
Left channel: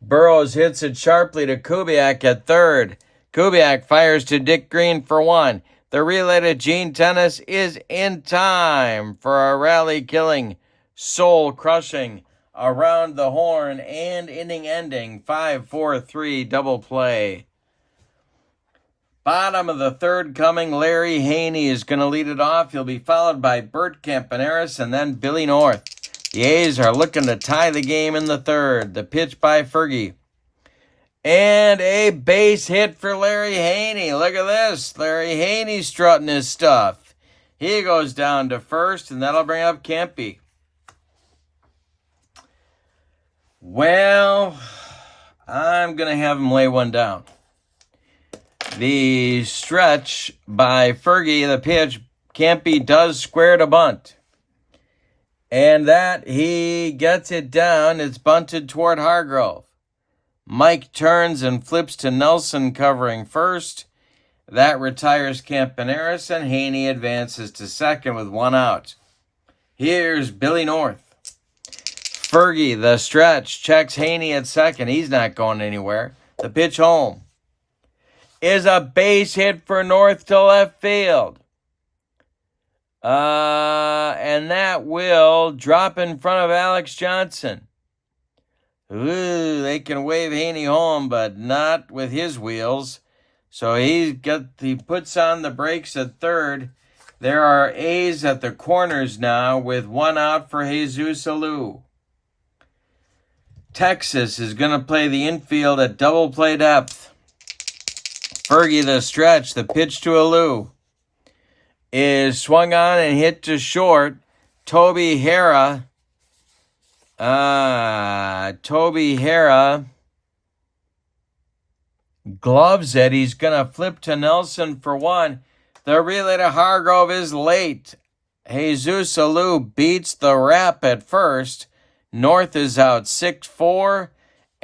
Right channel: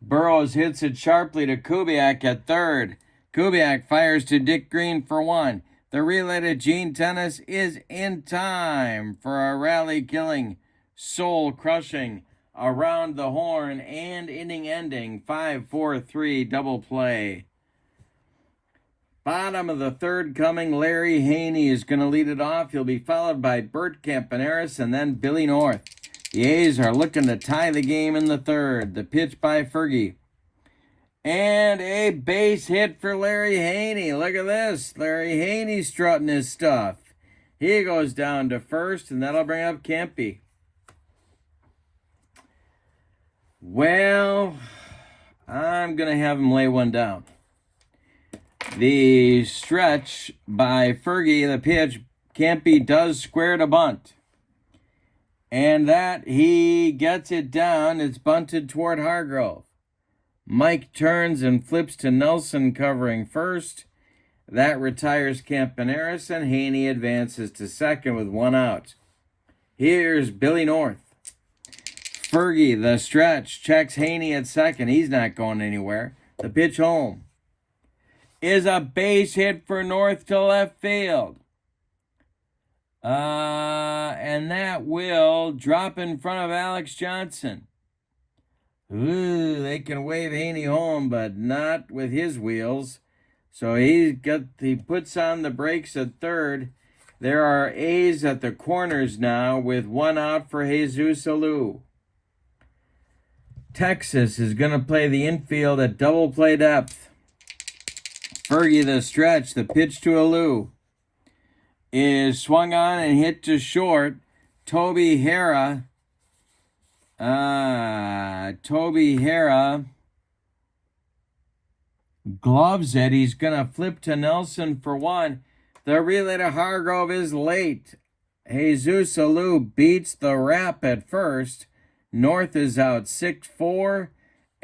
Burrows hits it sharply to Kubiak at third. Kubiak fires to Dick Green for 1. The relay to Gene Tennis is in time for a rally-killing, soul-crushing, around the horn and inning-ending 5-4-3 double play. Bottom of the third coming, Larry Haney is going to lead it off. He'll be followed by Bert Campaneris and then Billy North. The A's are looking to tie the game in the third. The pitch by Fergie. And a base hit for Larry Haney. Look at this. Larry Haney strutting his stuff. He goes down to first, and that'll bring up Campy. Well, I'm going to have him lay one down. The stretch by Fergie, the pitch, Campy does square to bunt. And that he gets it down. It's bunted toward Hargrove. Mike turns and flips to Nelson covering first. That retires Campaneris, and Haney advances to second with one out. Here's Billy North. Fergie, the stretch, checks Haney at second. He's not going anywhere. The pitch home is a base hit for North to left field. And that will drop in front of Alex Johnson. Ooh, they can wave Haney home, but not with his wheels. So he puts on the brakes at third. There are A's at the corners now with one out for Jesus Alou. Texas is going to play the infield at double play depth. Fergie, the stretch, the pitch to Alou, is swung on and hit to short. Toby Hara gloves it. He's going to flip to Nelson for 1. The relay to Hargrove is late. Jesus Alou beats the wrap at first. North is out 6-4.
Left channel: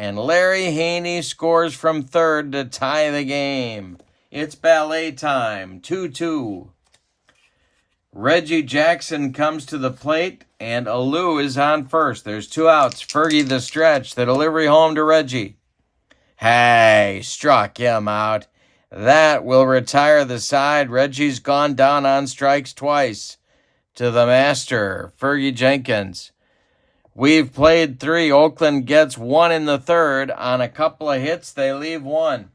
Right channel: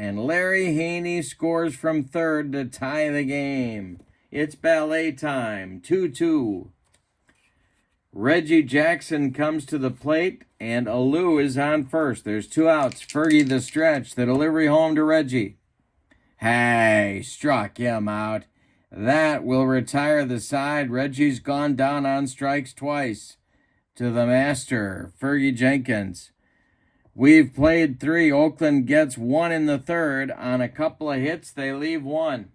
And Larry Haney scores from third to tie the game. It's ballet time, 2-2. Reggie Jackson comes to the plate, and Alou is on first. There's 2 outs. Fergie the stretch, the delivery home to Reggie. Hey, struck him out. That will retire the side. Reggie's gone down on strikes twice. To the master, Fergie Jenkins. We've played 3. Oakland gets 1 in the third. On a couple of hits, they leave 1.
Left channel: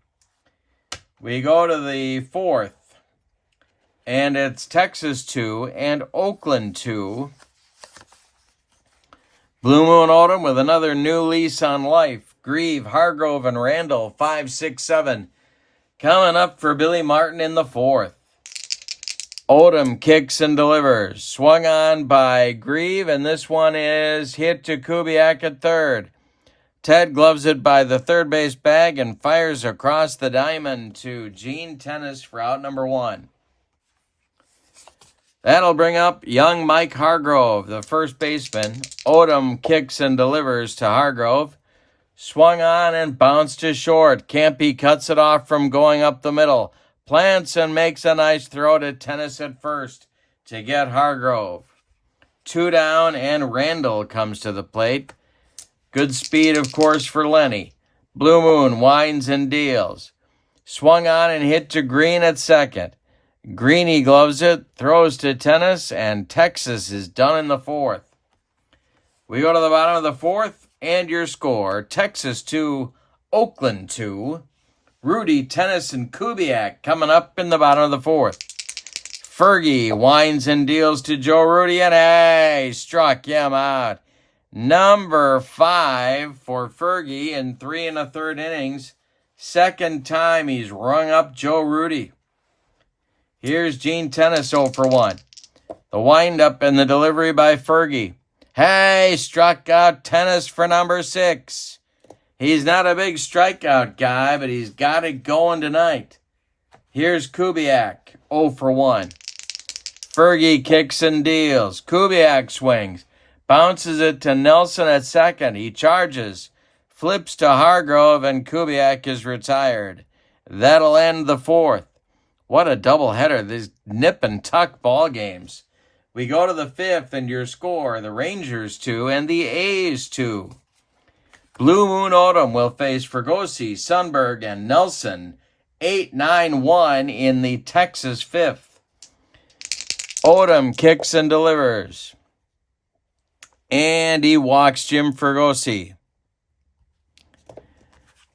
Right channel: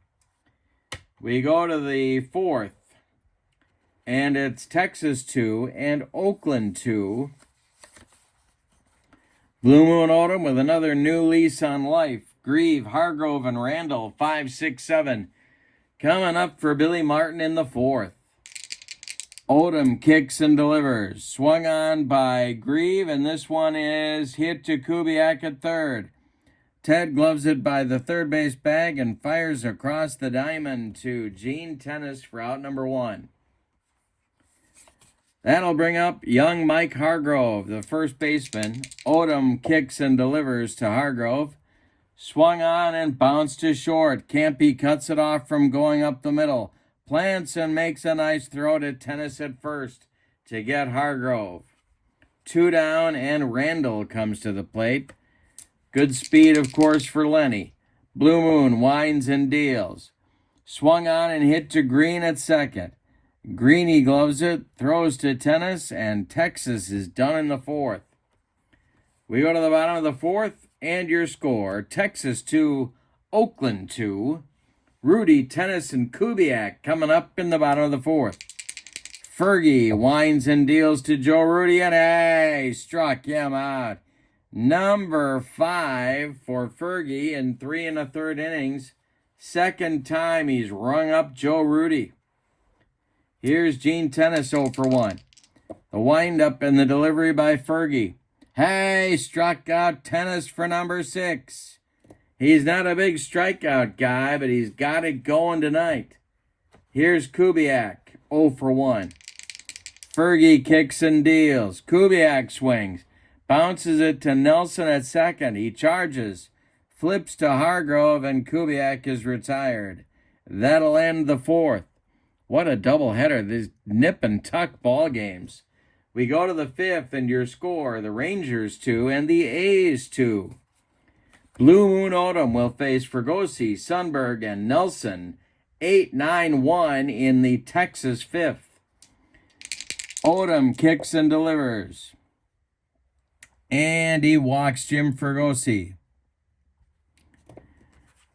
We go to the 4th. And it's Texas 2 and Oakland 2. Blue Moon Odom with another new lease on life. Grieve, Hargrove, and Randall, 5, 6, 7. Coming up for Billy Martin in the 4th. Odom kicks and delivers. Swung on by Grieve, and this one is hit to Kubiak at third. Ted gloves it by the third base bag and fires across the diamond to Gene Tennis for out number 1. That'll bring up young Mike Hargrove, the first baseman. Odom kicks and delivers to Hargrove. Swung on and bounced to short. Campy cuts it off from going up the middle. Plants and makes a nice throw to Tennis at first to get Hargrove. 2 down, and Randall comes to the plate. Good speed, of course, for Lenny. Blue Moon winds and deals. Swung on and hit to Green at second. Greeny gloves it, throws to Tennis, and Texas is done in the 4th. We go to the bottom of the 4th, and your score, Texas 2, Oakland 2. Rudy, Tennis, and Kubiak coming up in the bottom of the 4th. Fergie winds and deals to Joe Rudy, and hey, struck him out. Number 5 for Fergie in 3 1/3 innings. Second time he's rung up Joe Rudy. Here's Gene Tennis 0 for 1. The windup and the delivery by Fergie. Hey, struck out tennis for number 6. He's not a big strikeout guy, but he's got it going tonight. Here's Kubiak, 0 for 1. Fergie kicks and deals. Kubiak swings. Bounces it to Nelson at second. He charges. Flips to Hargrove, and Kubiak is retired. That'll end the 4th. What a doubleheader. These nip and tuck ball games. We go to the 5th, and your score, the Rangers 2 and the A's 2. Blue Moon Odom will face Fregosi, Sundberg, and Nelson. 8-9-1 in the Texas 5th. Odom kicks and delivers. And he walks Jim Fregosi.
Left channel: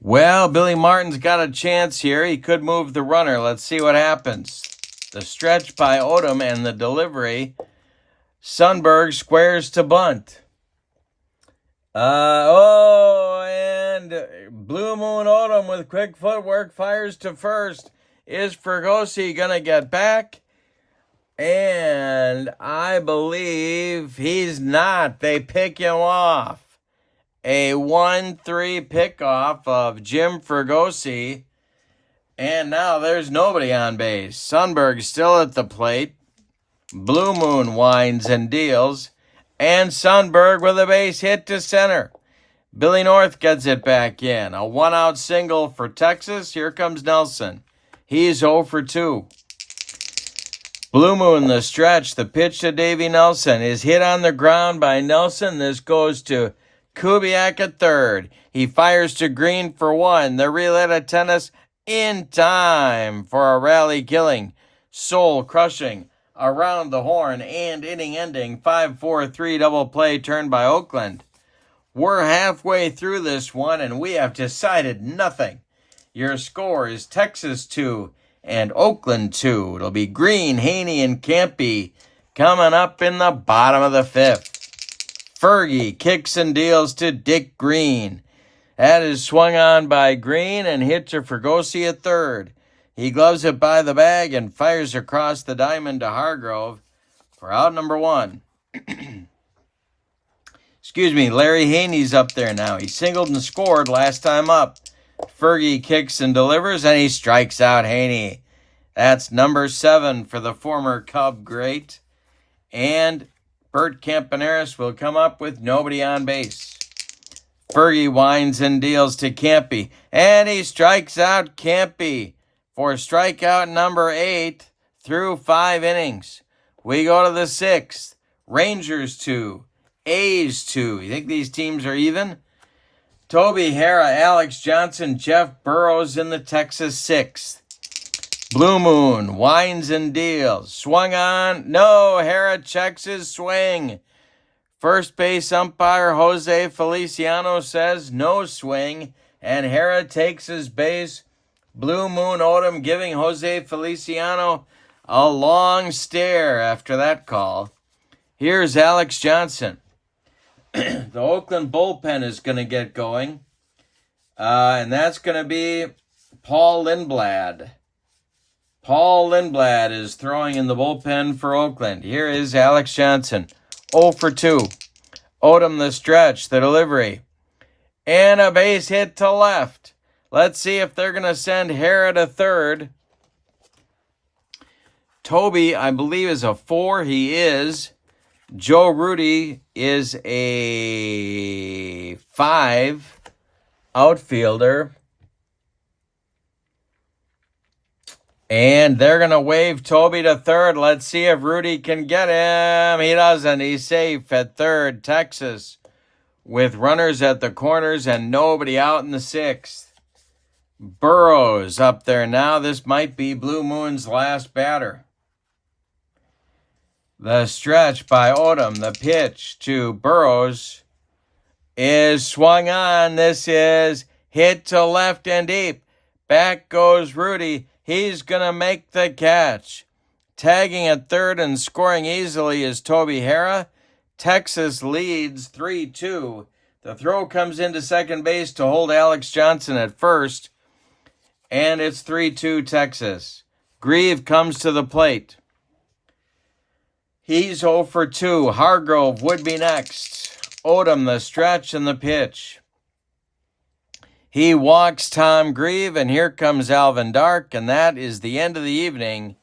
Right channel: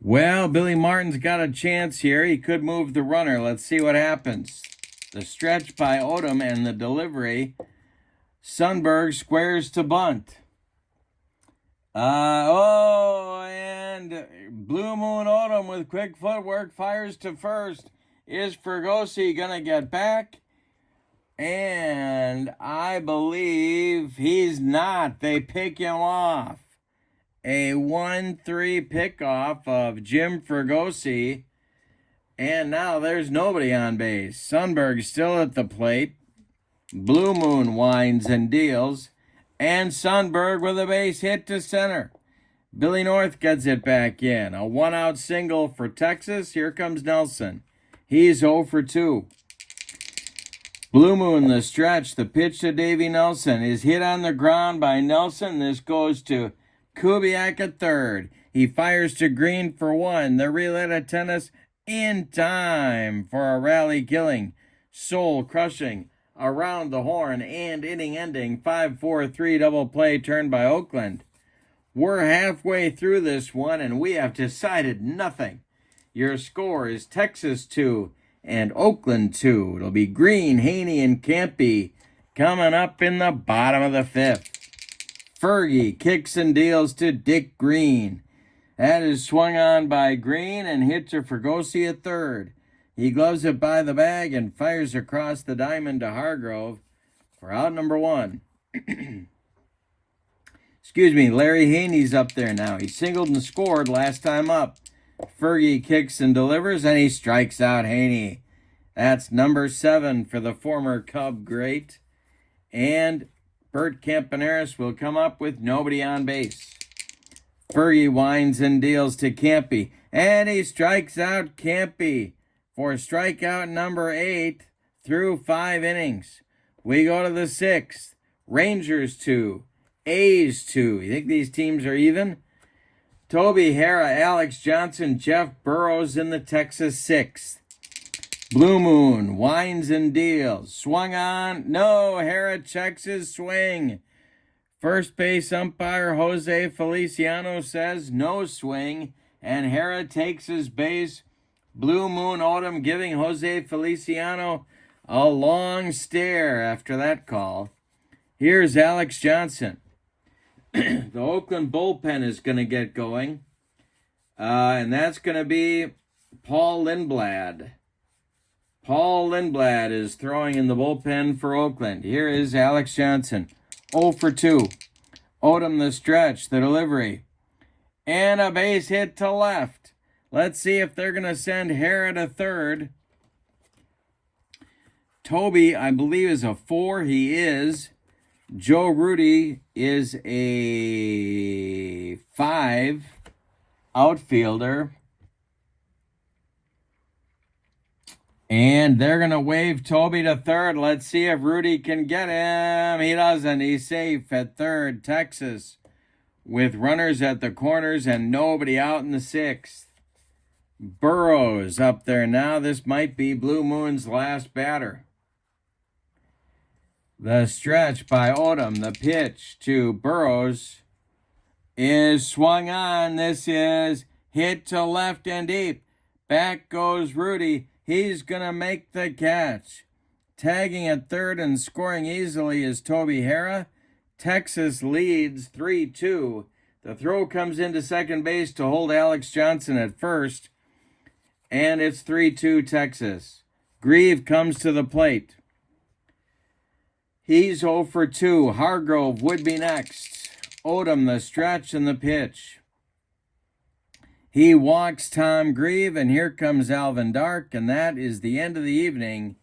Well, Billy Martin's got a chance here. He could move the runner. Let's see what happens. The stretch by Odom and the delivery. Sundberg squares to bunt. And Blue Moon Odom with quick footwork fires to first. Is Fregosi going to get back? And I believe he's not. They pick him off. A 1-3 pickoff of Jim Fregosi. And now there's nobody on base. Sundberg still at the plate. Blue Moon winds and deals. And Sundberg with a base hit to center. Billy North gets it back in. A 1-out single for Texas. Here comes Nelson. He's 0 for 2. Blue Moon, the stretch. The pitch to Davey Nelson is hit on the ground by Nelson. This goes to Kubiak at third. He fires to Green for 1. The relay to tennis in time for a rally killing, soul crushing, around the horn and inning ending 5-4-3 double play turned by Oakland. We're halfway through this one and we have decided nothing. Your score is Texas 2 and Oakland 2. It'll be Green, Haney, and Campy coming up in the bottom of the 5th. Fergie kicks and deals to Dick Green. That is swung on by Green and hit to Fregosi at third. He gloves it by the bag and fires across the diamond to Hargrove for out number 1. Excuse me, Larry Haney's up there now. He singled and scored last time up. Fergie kicks and delivers, and he strikes out Haney. That's number 7 for the former Cub great. And Bert Campaneris will come up with nobody on base. Fergie winds and deals to Campy, and he strikes out Campy for strikeout number 8 through 5 innings. We go to the 6th. Rangers 2, A's 2. You think these teams are even? Toby Harrah, Alex Johnson, Jeff Burrows in the Texas 6th. Blue Moon winds and deals. Swung on. No, Harrah checks his swing. First base umpire Jose Feliciano says no swing, and Harrah takes his base. Blue Moon Odom giving Jose Feliciano a long stare after that call. Here's Alex Johnson. The Oakland bullpen is going to get going, and that's going to be Paul Lindblad. Paul Lindblad is throwing in the bullpen for Oakland. Here is Alex Johnson, 0 for 2. Odom the stretch, the delivery, and a base hit to left. Let's see if they're going to send Harrah to third. Toby, I believe, is a 4. He is. Joe Rudy is a 5 outfielder. And they're going to wave Toby to third. Let's see if Rudy can get him. He doesn't. He's safe at third. Texas with runners at the corners and nobody out in the 6th. Burrows up there now. This might be Blue Moon's last batter. The stretch by Odom, the pitch to Burrows is swung on. This is hit to left and deep. Back goes Rudy. He's going to make the catch. Tagging at third and scoring easily is Toby Harrah. Texas leads 3-2. The throw comes into second base to hold Alex Johnson at first. And it's 3-2 Texas. Grieve comes to the plate. He's 0 for 2. Hargrove would be next. Odom, the stretch and the pitch. He walks Tom Grieve, and here comes Alvin Dark, and that is the end of the evening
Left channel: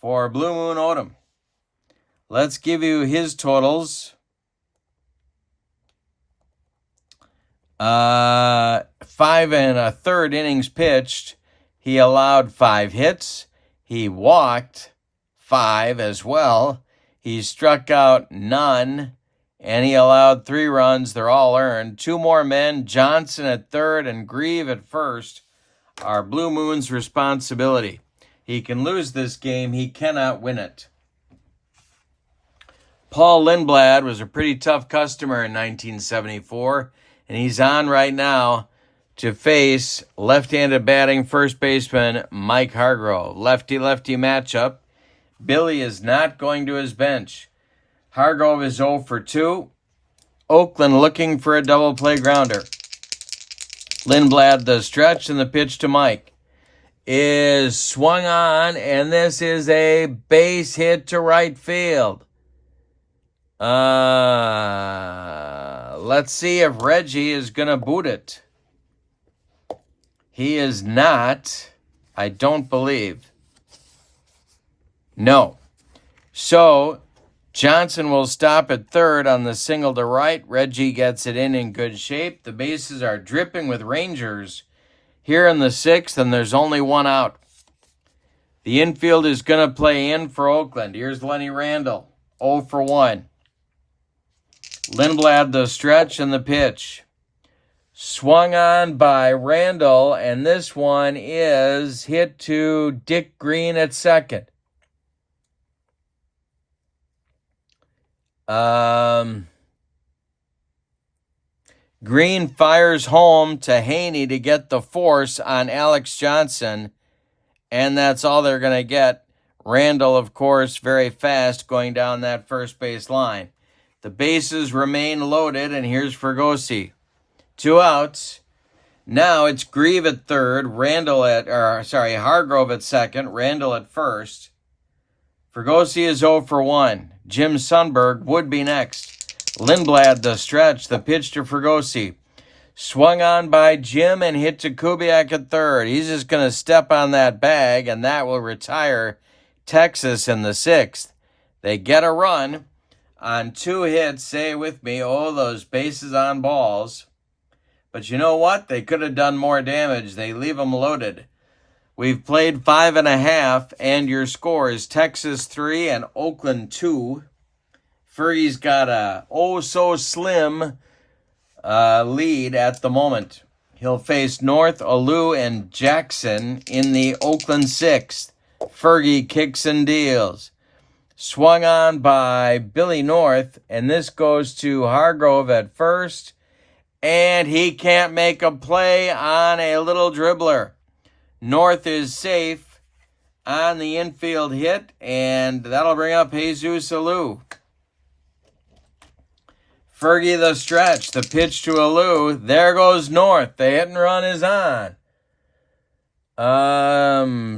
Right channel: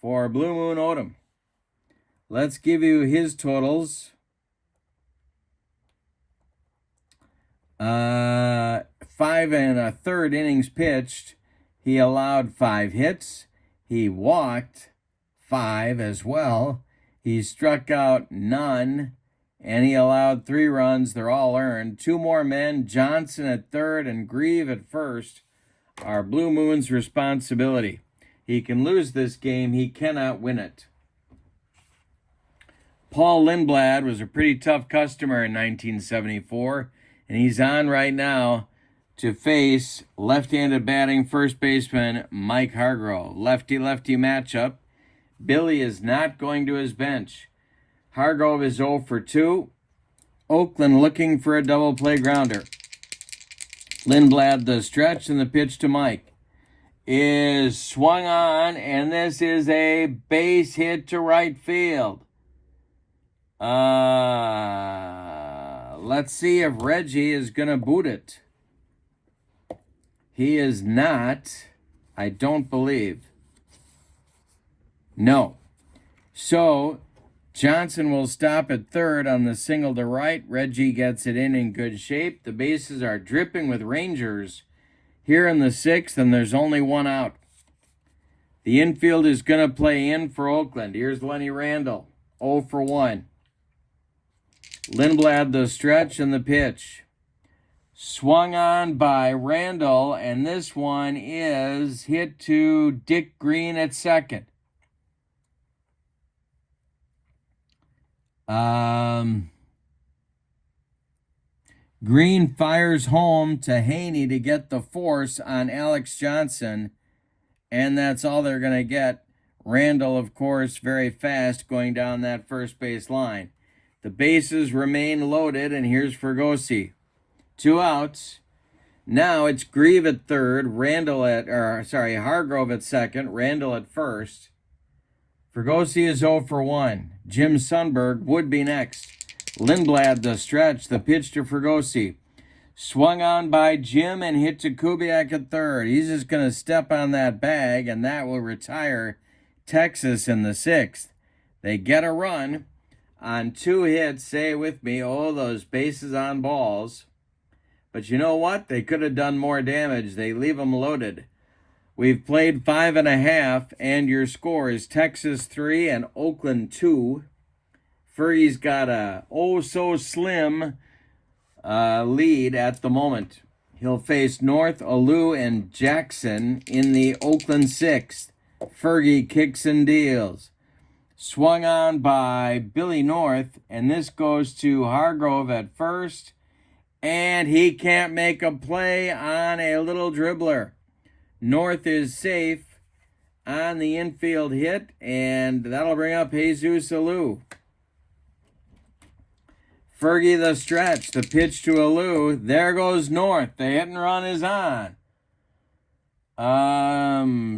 for Blue Moon Odom. Let's give you his totals. 5 1/3 innings pitched. He allowed 5 hits. He walked 5 as well. He struck out none, and he allowed 3 runs. They're all earned. 2 more men, Johnson at third and Grieve at first, are Blue Moon's responsibility. He can lose this game. He cannot win it. Paul Lindblad was a pretty tough customer in 1974, and he's on right now to face left-handed batting first baseman Mike Hargrove. Lefty-lefty matchup. Billy is not going to his bench. Hargrove is 0 for 2. Oakland looking for a double play grounder. Lindblad, the stretch, and the pitch to Mike is swung on, and this is a base hit to right field. Let's see if Reggie is going to boot it. He is not, I don't believe. No. So Johnson will stop at third on the single to right. Reggie gets it in good shape. The bases are dripping with Rangers here in the 6th, and there's only 1 out. The infield is going to play in for Oakland. Here's Lenny Randall, 0 for 1. Lindblad, the stretch and the pitch. Swung on by Randall, and this one is hit to Dick Green at second. Green fires home to Haney to get the force on Alex Johnson, and that's all they're going to get. Randall, of course, very fast going down that first base line. The bases remain loaded, and here's Fergosi. 2 outs. Now it's Grieve at third, Hargrove at second, Randall at first. Fergosi is 0 for 1. Jim Sundberg would be next. Lindblad, the stretch, the pitch to Fergosi. Swung on by Jim and hit to Kubiak at third. He's just going to step on that bag, and that will retire Texas in the 6th. They get a run on 2 hits. Say it with me. Oh, those bases on balls. But you know what? They could have done more damage. They leave them loaded. We've played 5 1/2, and your score is Texas 3 and Oakland 2. Fergie's got a oh-so-slim lead at the moment. He'll face North, Alou, and Jackson in the Oakland 6th. Fergie kicks and deals. Swung on by Billy North, and this goes to Hargrove at first, and he can't make a play on a little dribbler. North is safe on the infield hit, and that'll bring up Jesus Alou. Fergie the stretch, the pitch to Alou. There goes North. The hit and run is on.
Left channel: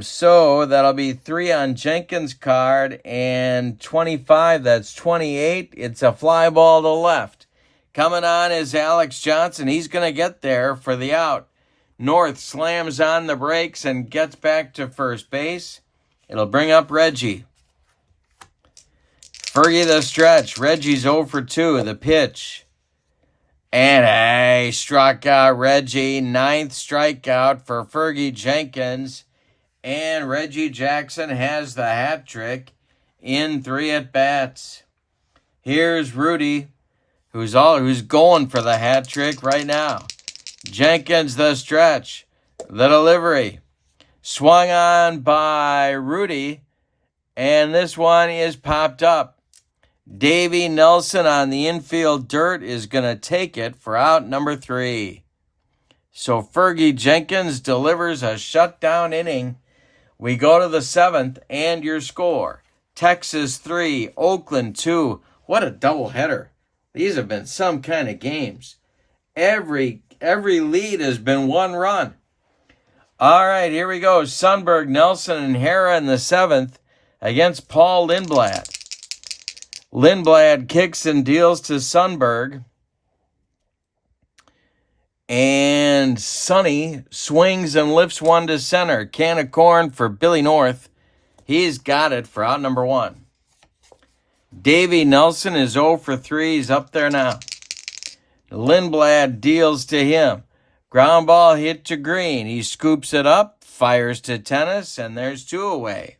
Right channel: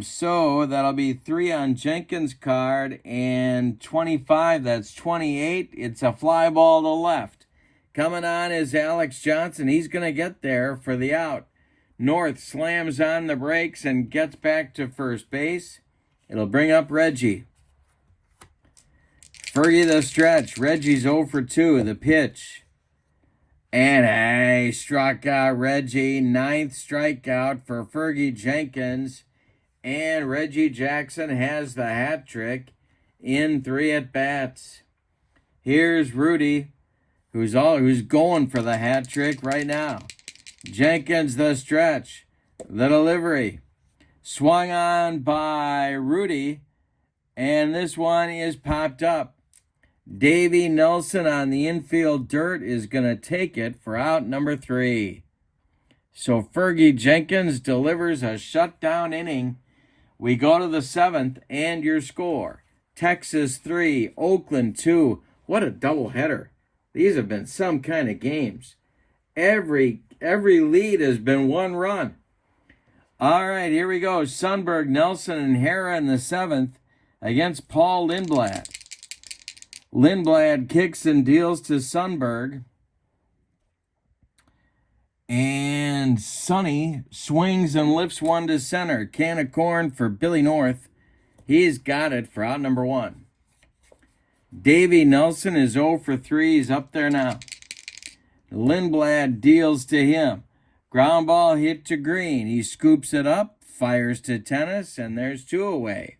So that'll be 3 on Jenkins' card and 25. That's 28. It's a fly ball to left. Coming on is Alex Johnson. He's going to get there for the out. North slams on the brakes and gets back to first base. It'll bring up Reggie. Fergie the stretch. Reggie's 0 for 2. The pitch. And struck out Reggie. 9th strikeout for Fergie Jenkins. And Reggie Jackson has the hat trick in 3 at-bats. Here's Rudy, who's going for the hat trick right now. Jenkins the stretch. The delivery. Swung on by Rudy. And this one is popped up. Davey Nelson on the infield dirt is going to take it for out number 3. So Fergie Jenkins delivers a shutdown inning. We go to the 7th, and your score. Texas 3, Oakland 2. What a doubleheader. These have been some kind of games. Every lead has been 1 run. All right, here we go. Sundberg, Nelson, and Hara in the 7th against Paul Lindblad. Lindblad kicks and deals to Sundberg. And Sonny swings and lifts one to center. Can of corn for Billy North. He's got it for out number 1. Davey Nelson is 0 for 3. He's up there now. Lindblad deals to him. Ground ball hit to Green. He scoops it up, fires to tennis, and there's 2 away.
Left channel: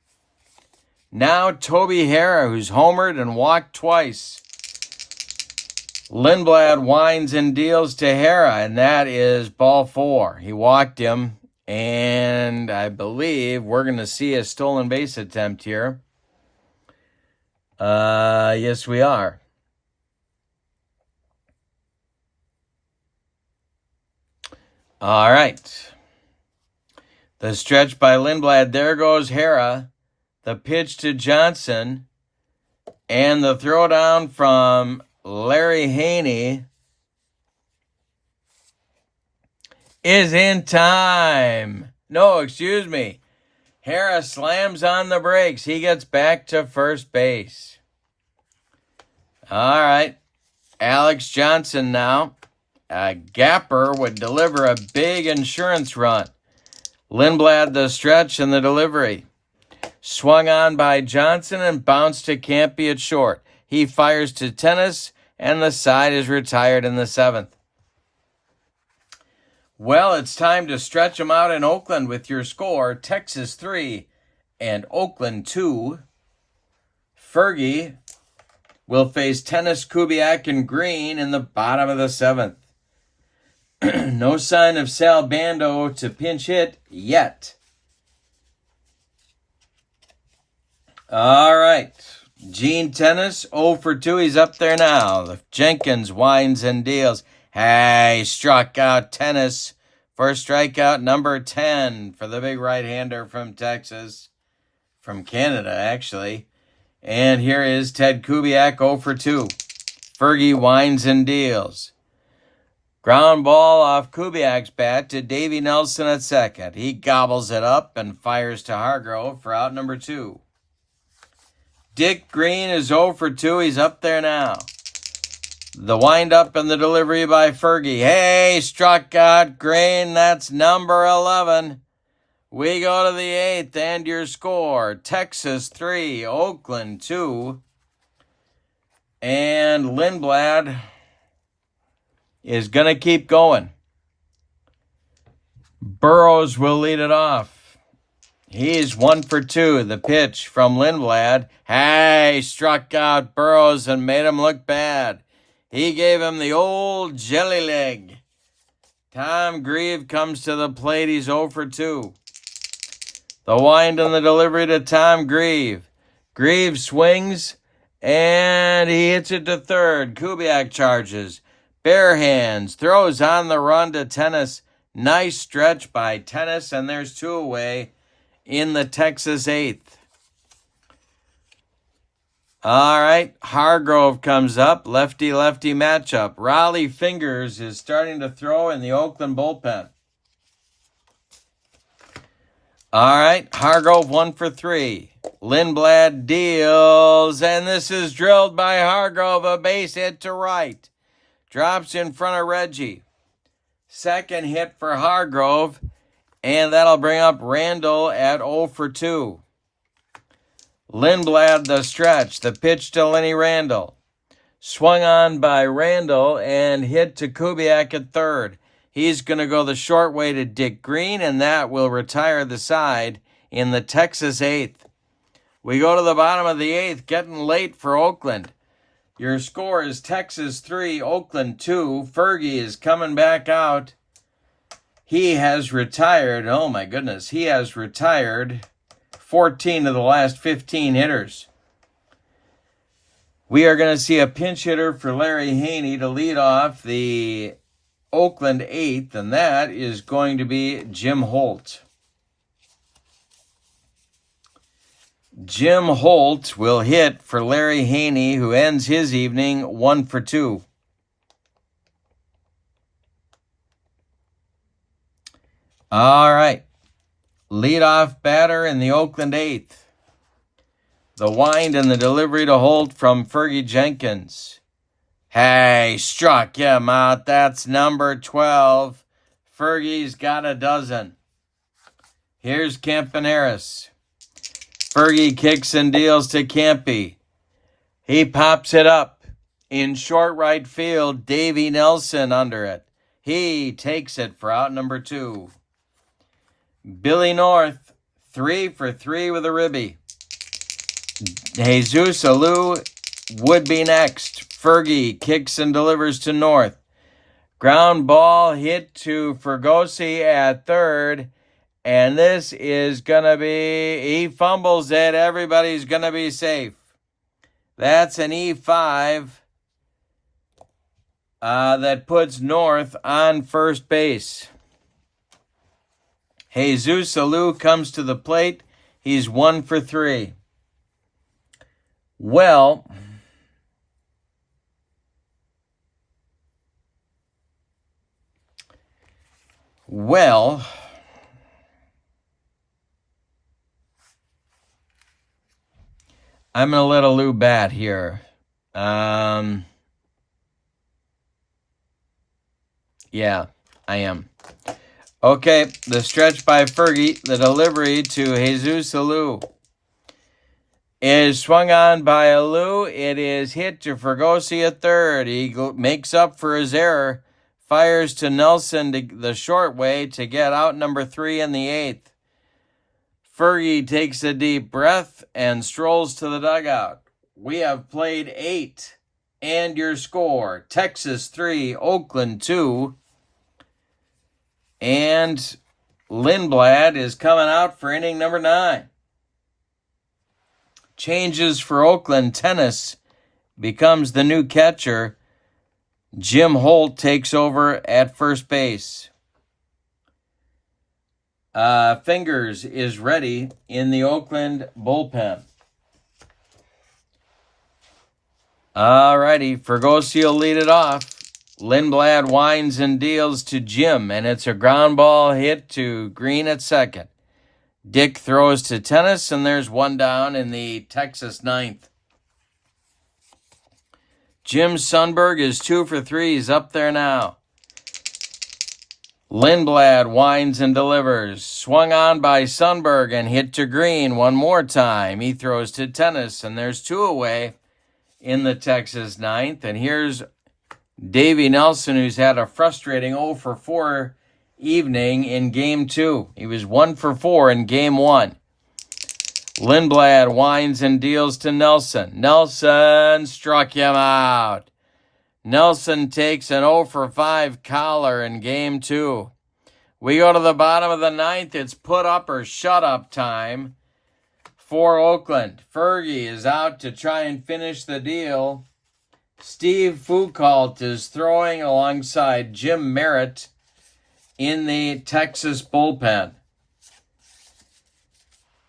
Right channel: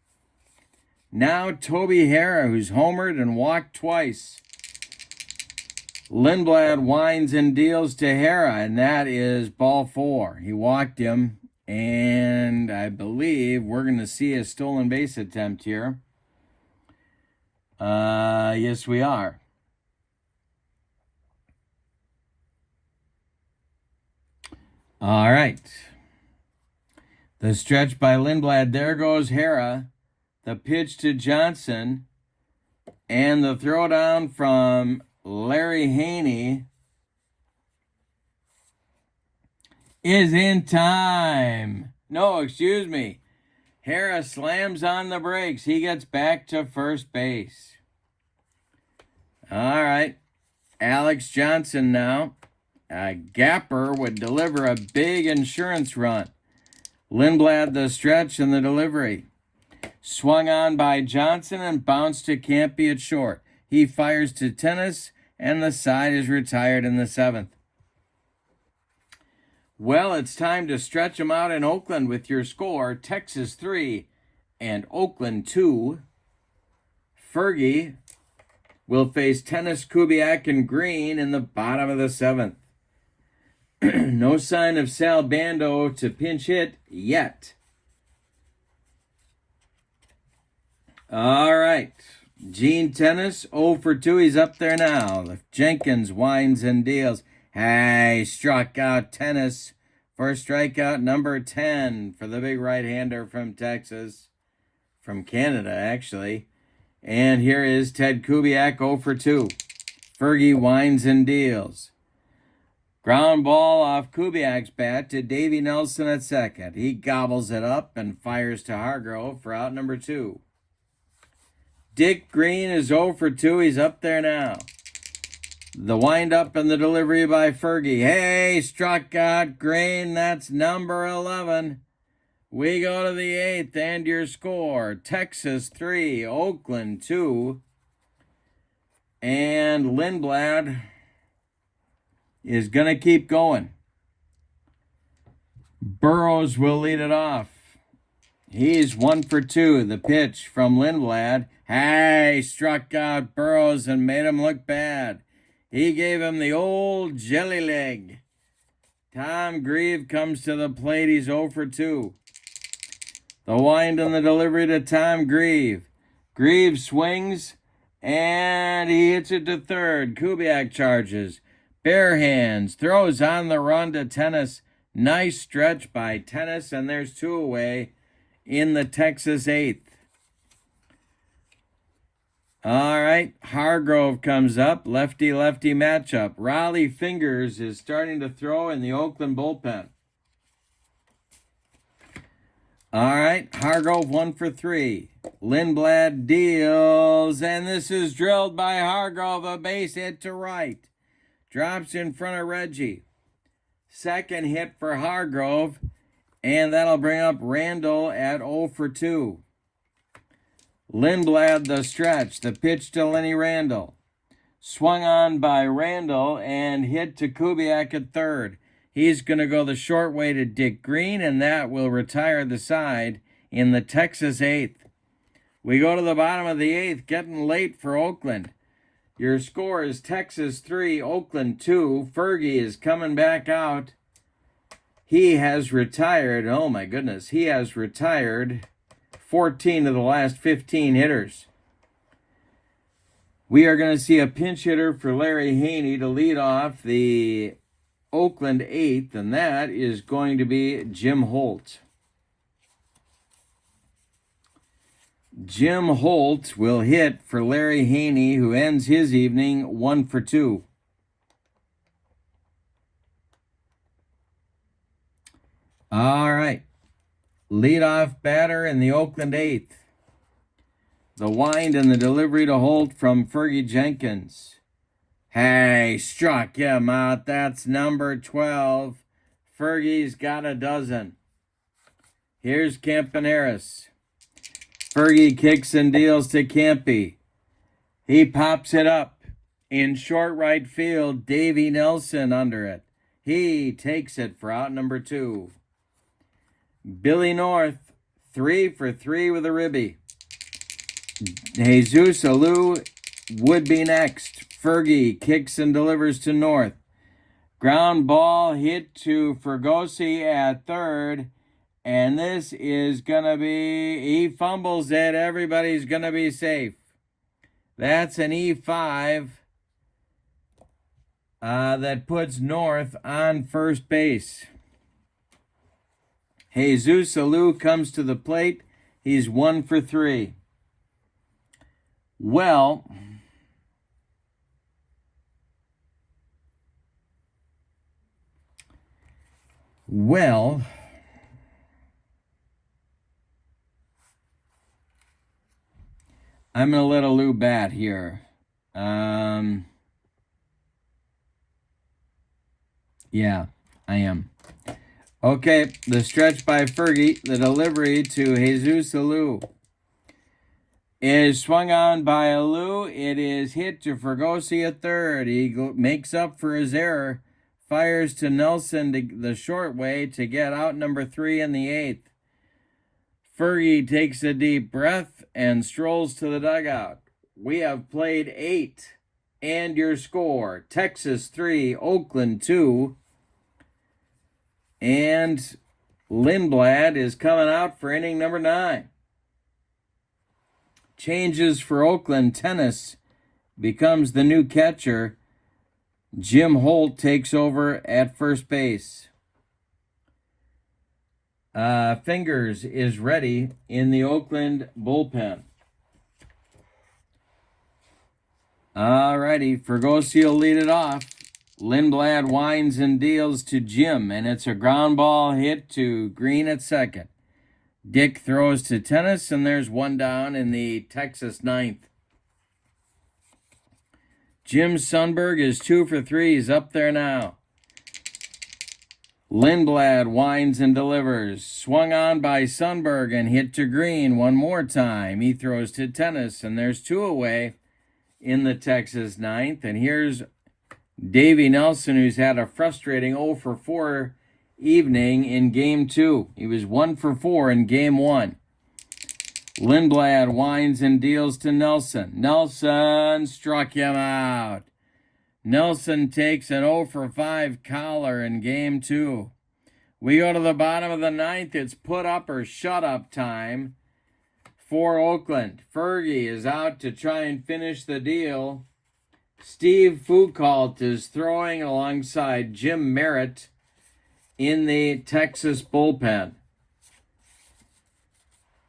Now Toby Harra, who's homered and walked twice. Lindblad winds and deals to Harra, and that is ball 4. He walked him, and I believe we're going to see a stolen base attempt here. Yes, we are. All right. The stretch by Lindblad. There goes Harra. The pitch to Johnson. And the throwdown from Larry Haney is in time. No, excuse me. Harra slams on the brakes. He gets back to first base. All right. Alex Johnson now. A gapper would deliver a big insurance run. Lindblad the stretch and the delivery. Swung on by Johnson and bounced to Campy at short. He fires to tennis, and the side is retired in the 7th. Well, it's time to stretch them out in Oakland with your score. Texas 3 and Oakland 2. Fergie will face Tennis, Kubiak, and Green in the bottom of the 7th. No sign of Sal Bando to pinch hit yet. All right. Gene Tennis, 0 for 2. He's up there now. Jenkins winds and deals. Hey, struck out Tennis for strikeout number 10 for the big right-hander from Texas. From Canada, actually. And here is Ted Kubiak, 0 for 2. Fergie winds and deals. Ground ball off Kubiak's bat to Davey Nelson at second. He gobbles it up and fires to Hargrove for out number 2. Dick Green is 0 for 2. He's up there now. The windup and the delivery by Fergie. Hey, struck out Green. That's number 11. We go to the 8th and your score. Texas 3, Oakland 2. And Lindblad is going to keep going. Burrows will lead it off. He's 1 for 2. The pitch from Lindblad. Hey, struck out Burrows and made him look bad. He gave him the old jelly leg. Tom Grieve comes to the plate. He's 0 for 2. The wind and the delivery to Tom Grieve. Grieve swings, and he hits it to third. Kubiak charges. Bare hands. Throws on the run to Tennis. Nice stretch by Tennis, and there's 2 away in the Texas 8th. All right, Hargrove comes up. Lefty-lefty matchup. Raleigh Fingers is starting to throw in the Oakland bullpen. All right, Hargrove 1 for 3. Lindblad deals, and this is drilled by Hargrove. A base hit to right. Drops in front of Reggie. Second hit for Hargrove, and that'll bring up Randall at 0 for 2. Lindblad the stretch. The pitch to Lenny Randall. Swung on by Randall and hit to Kubiak at third. He's going to go the short way to Dick Green, and that will retire the side in the Texas 8th. We go to the bottom of the 8th, getting late for Oakland. Your score is Texas 3, Oakland 2. Fergie is coming back out. He has retired. Oh, my goodness. He has retired 14 of the last 15 hitters. We are going to see a pinch hitter for Larry Haney to lead off the Oakland 8th, and that is going to be Jim Holt. Jim Holt will hit for Larry Haney, who ends his evening 1 for 2. All right. Leadoff batter in the Oakland 8th. The wind and the delivery to Holt from Fergie Jenkins. Hey, struck him out. That's number 12. Fergie's got a dozen. Here's Campaneris. Fergie kicks and deals to Campy. He pops it up. In short right field, Davey Nelson under it. He takes it for out number 2. Billy North, 3 for 3 with a ribby. Jesus Alou would be next. Fergie kicks and delivers to North. Ground ball hit to Fergosi at third. And this is going to be, he fumbles it. Everybody's going to be safe. That's an E5 that puts North on first base. Jesus Alou comes to the plate. He's 1 for 3. Well, I'm going to let Alou bat here. Yeah, I am. Okay, the stretch by Fergie, the delivery to Jesus Alou is swung on by Alou. It is hit to Fergosi at third. He makes up for his error, fires to Nelson the short way to get out number 3 in the 8th. Fergie takes a deep breath and strolls to the dugout. We have played 8, and your score, Texas 3, Oakland 2. And Lindblad is coming out for inning number 9. Changes for Oakland. Tennis becomes the new catcher. Jim Holt takes over at first base. Fingers is ready in the Oakland bullpen. All righty, Fergosi will lead it off. Lindblad winds and deals to Jim, and it's a ground ball hit to Green at second. Dick throws to Tennis, and there's one down in the Texas 9th. Jim Sundberg is 2 for 3. He's up there now. Lindblad winds and delivers. Swung on by Sundberg and hit to Green one more time. He throws to Tennis, and there's 2 away in the Texas 9th. And here's Davey Nelson, who's had a frustrating 0 for 4 evening in Game 2. He was 1 for 4 in Game 1. Lindblad winds and deals to Nelson. Nelson struck him out. Nelson takes an 0 for 5 collar in Game 2. We go to the bottom of the 9th. It's put up or shut up time for Oakland. Fergie is out to try and finish the deal. Steve Foucault is throwing alongside Jim Merritt in the Texas bullpen.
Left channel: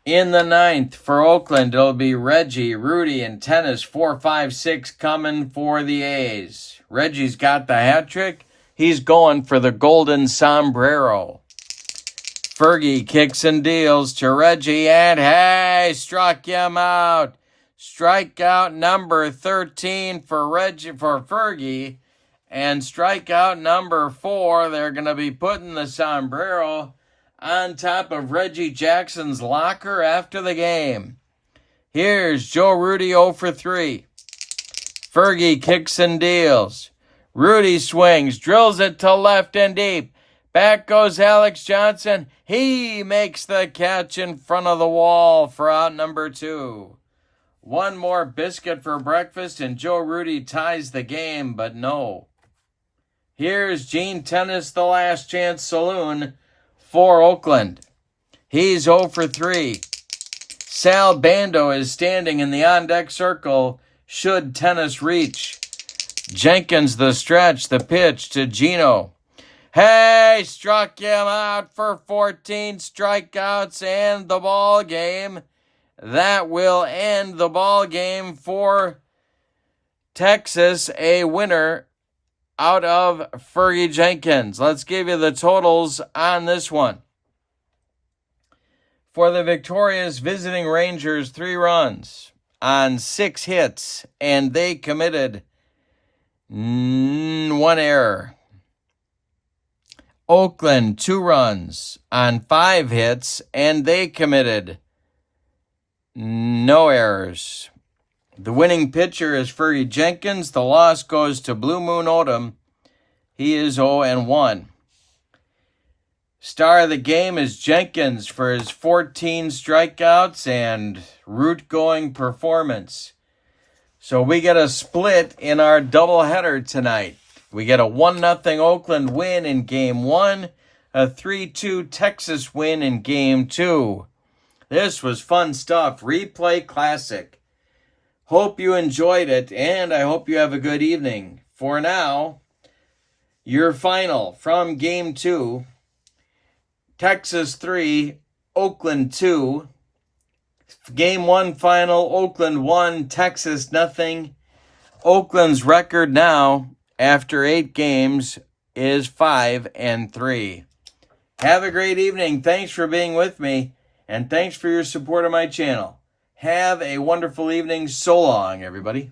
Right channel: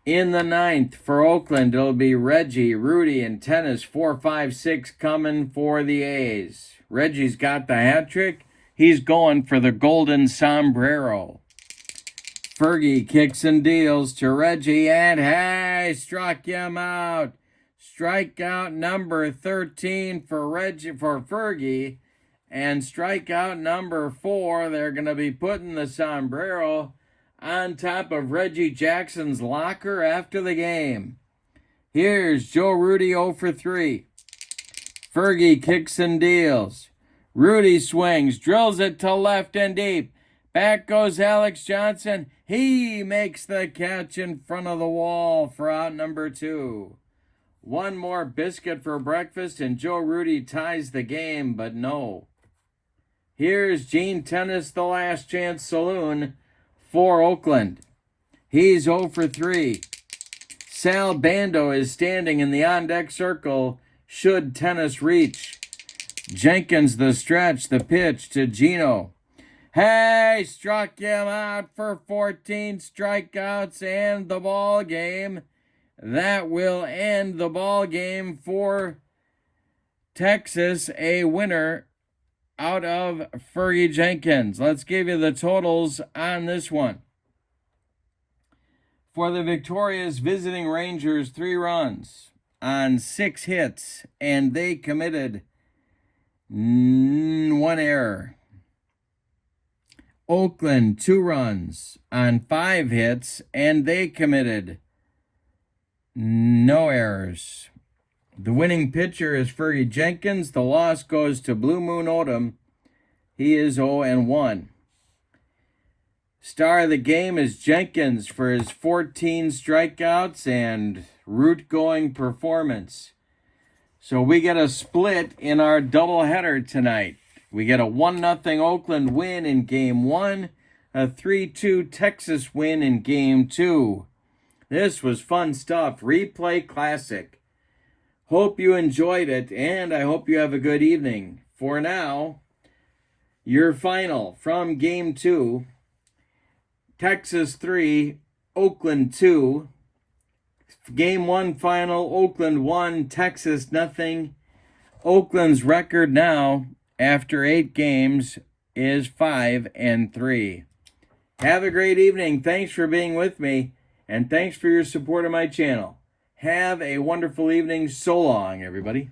In the 9th for Oakland, it'll be Reggie, Rudy, and Tennis 4, 5, 6 coming for the A's. Reggie's got the hat trick. He's going for the golden sombrero. Fergie kicks and deals to Reggie, and hey, struck him out. Strikeout number 13 for Fergie, and strikeout number 4. They're going to be putting the sombrero on top of Reggie Jackson's locker after the game. Here's Joe Rudy 0 for 3. Fergie kicks and deals. Rudy swings, drills it to left and deep. Back goes Alex Johnson. He makes the catch in front of the wall for out number 2. One more biscuit for breakfast, and Joe Rudy ties the game, but no. Here's Gene Tennis, the last chance saloon for Oakland. He's 0 for 3. Sal Bando is standing in the on-deck circle should Tennis reach. Jenkins the stretch, the pitch to Gino. Hey, struck him out for 14 strikeouts and the ball game. That will end the ball game for Texas, a winner out of Fergie Jenkins. Let's give you the totals on this one. For the victorious visiting Rangers, 3 runs. on 6 hits, and they committed 1 error. Oakland, 2 runs on 5 hits, and they committed no errors. The winning pitcher is Fergie Jenkins. The loss goes to Blue Moon Odom. He is 0-1. Star of the game is Jenkins for his 14 strikeouts and route-going performance. So we get a split in our doubleheader tonight. We get a 1-0 Oakland win in Game 1, a 3-2 Texas win in Game 2. This was fun stuff. Replay classic. Hope you enjoyed it, and I hope you have a good evening. For now, your final from Game 2, Texas 3, Oakland 2. Game 1 final, Oakland 1, Texas 0. Oakland's record now, after 8 games, is 5-3. Have a great evening. Thanks for being with me, and thanks for your support of my channel. Have a wonderful evening. So long, everybody.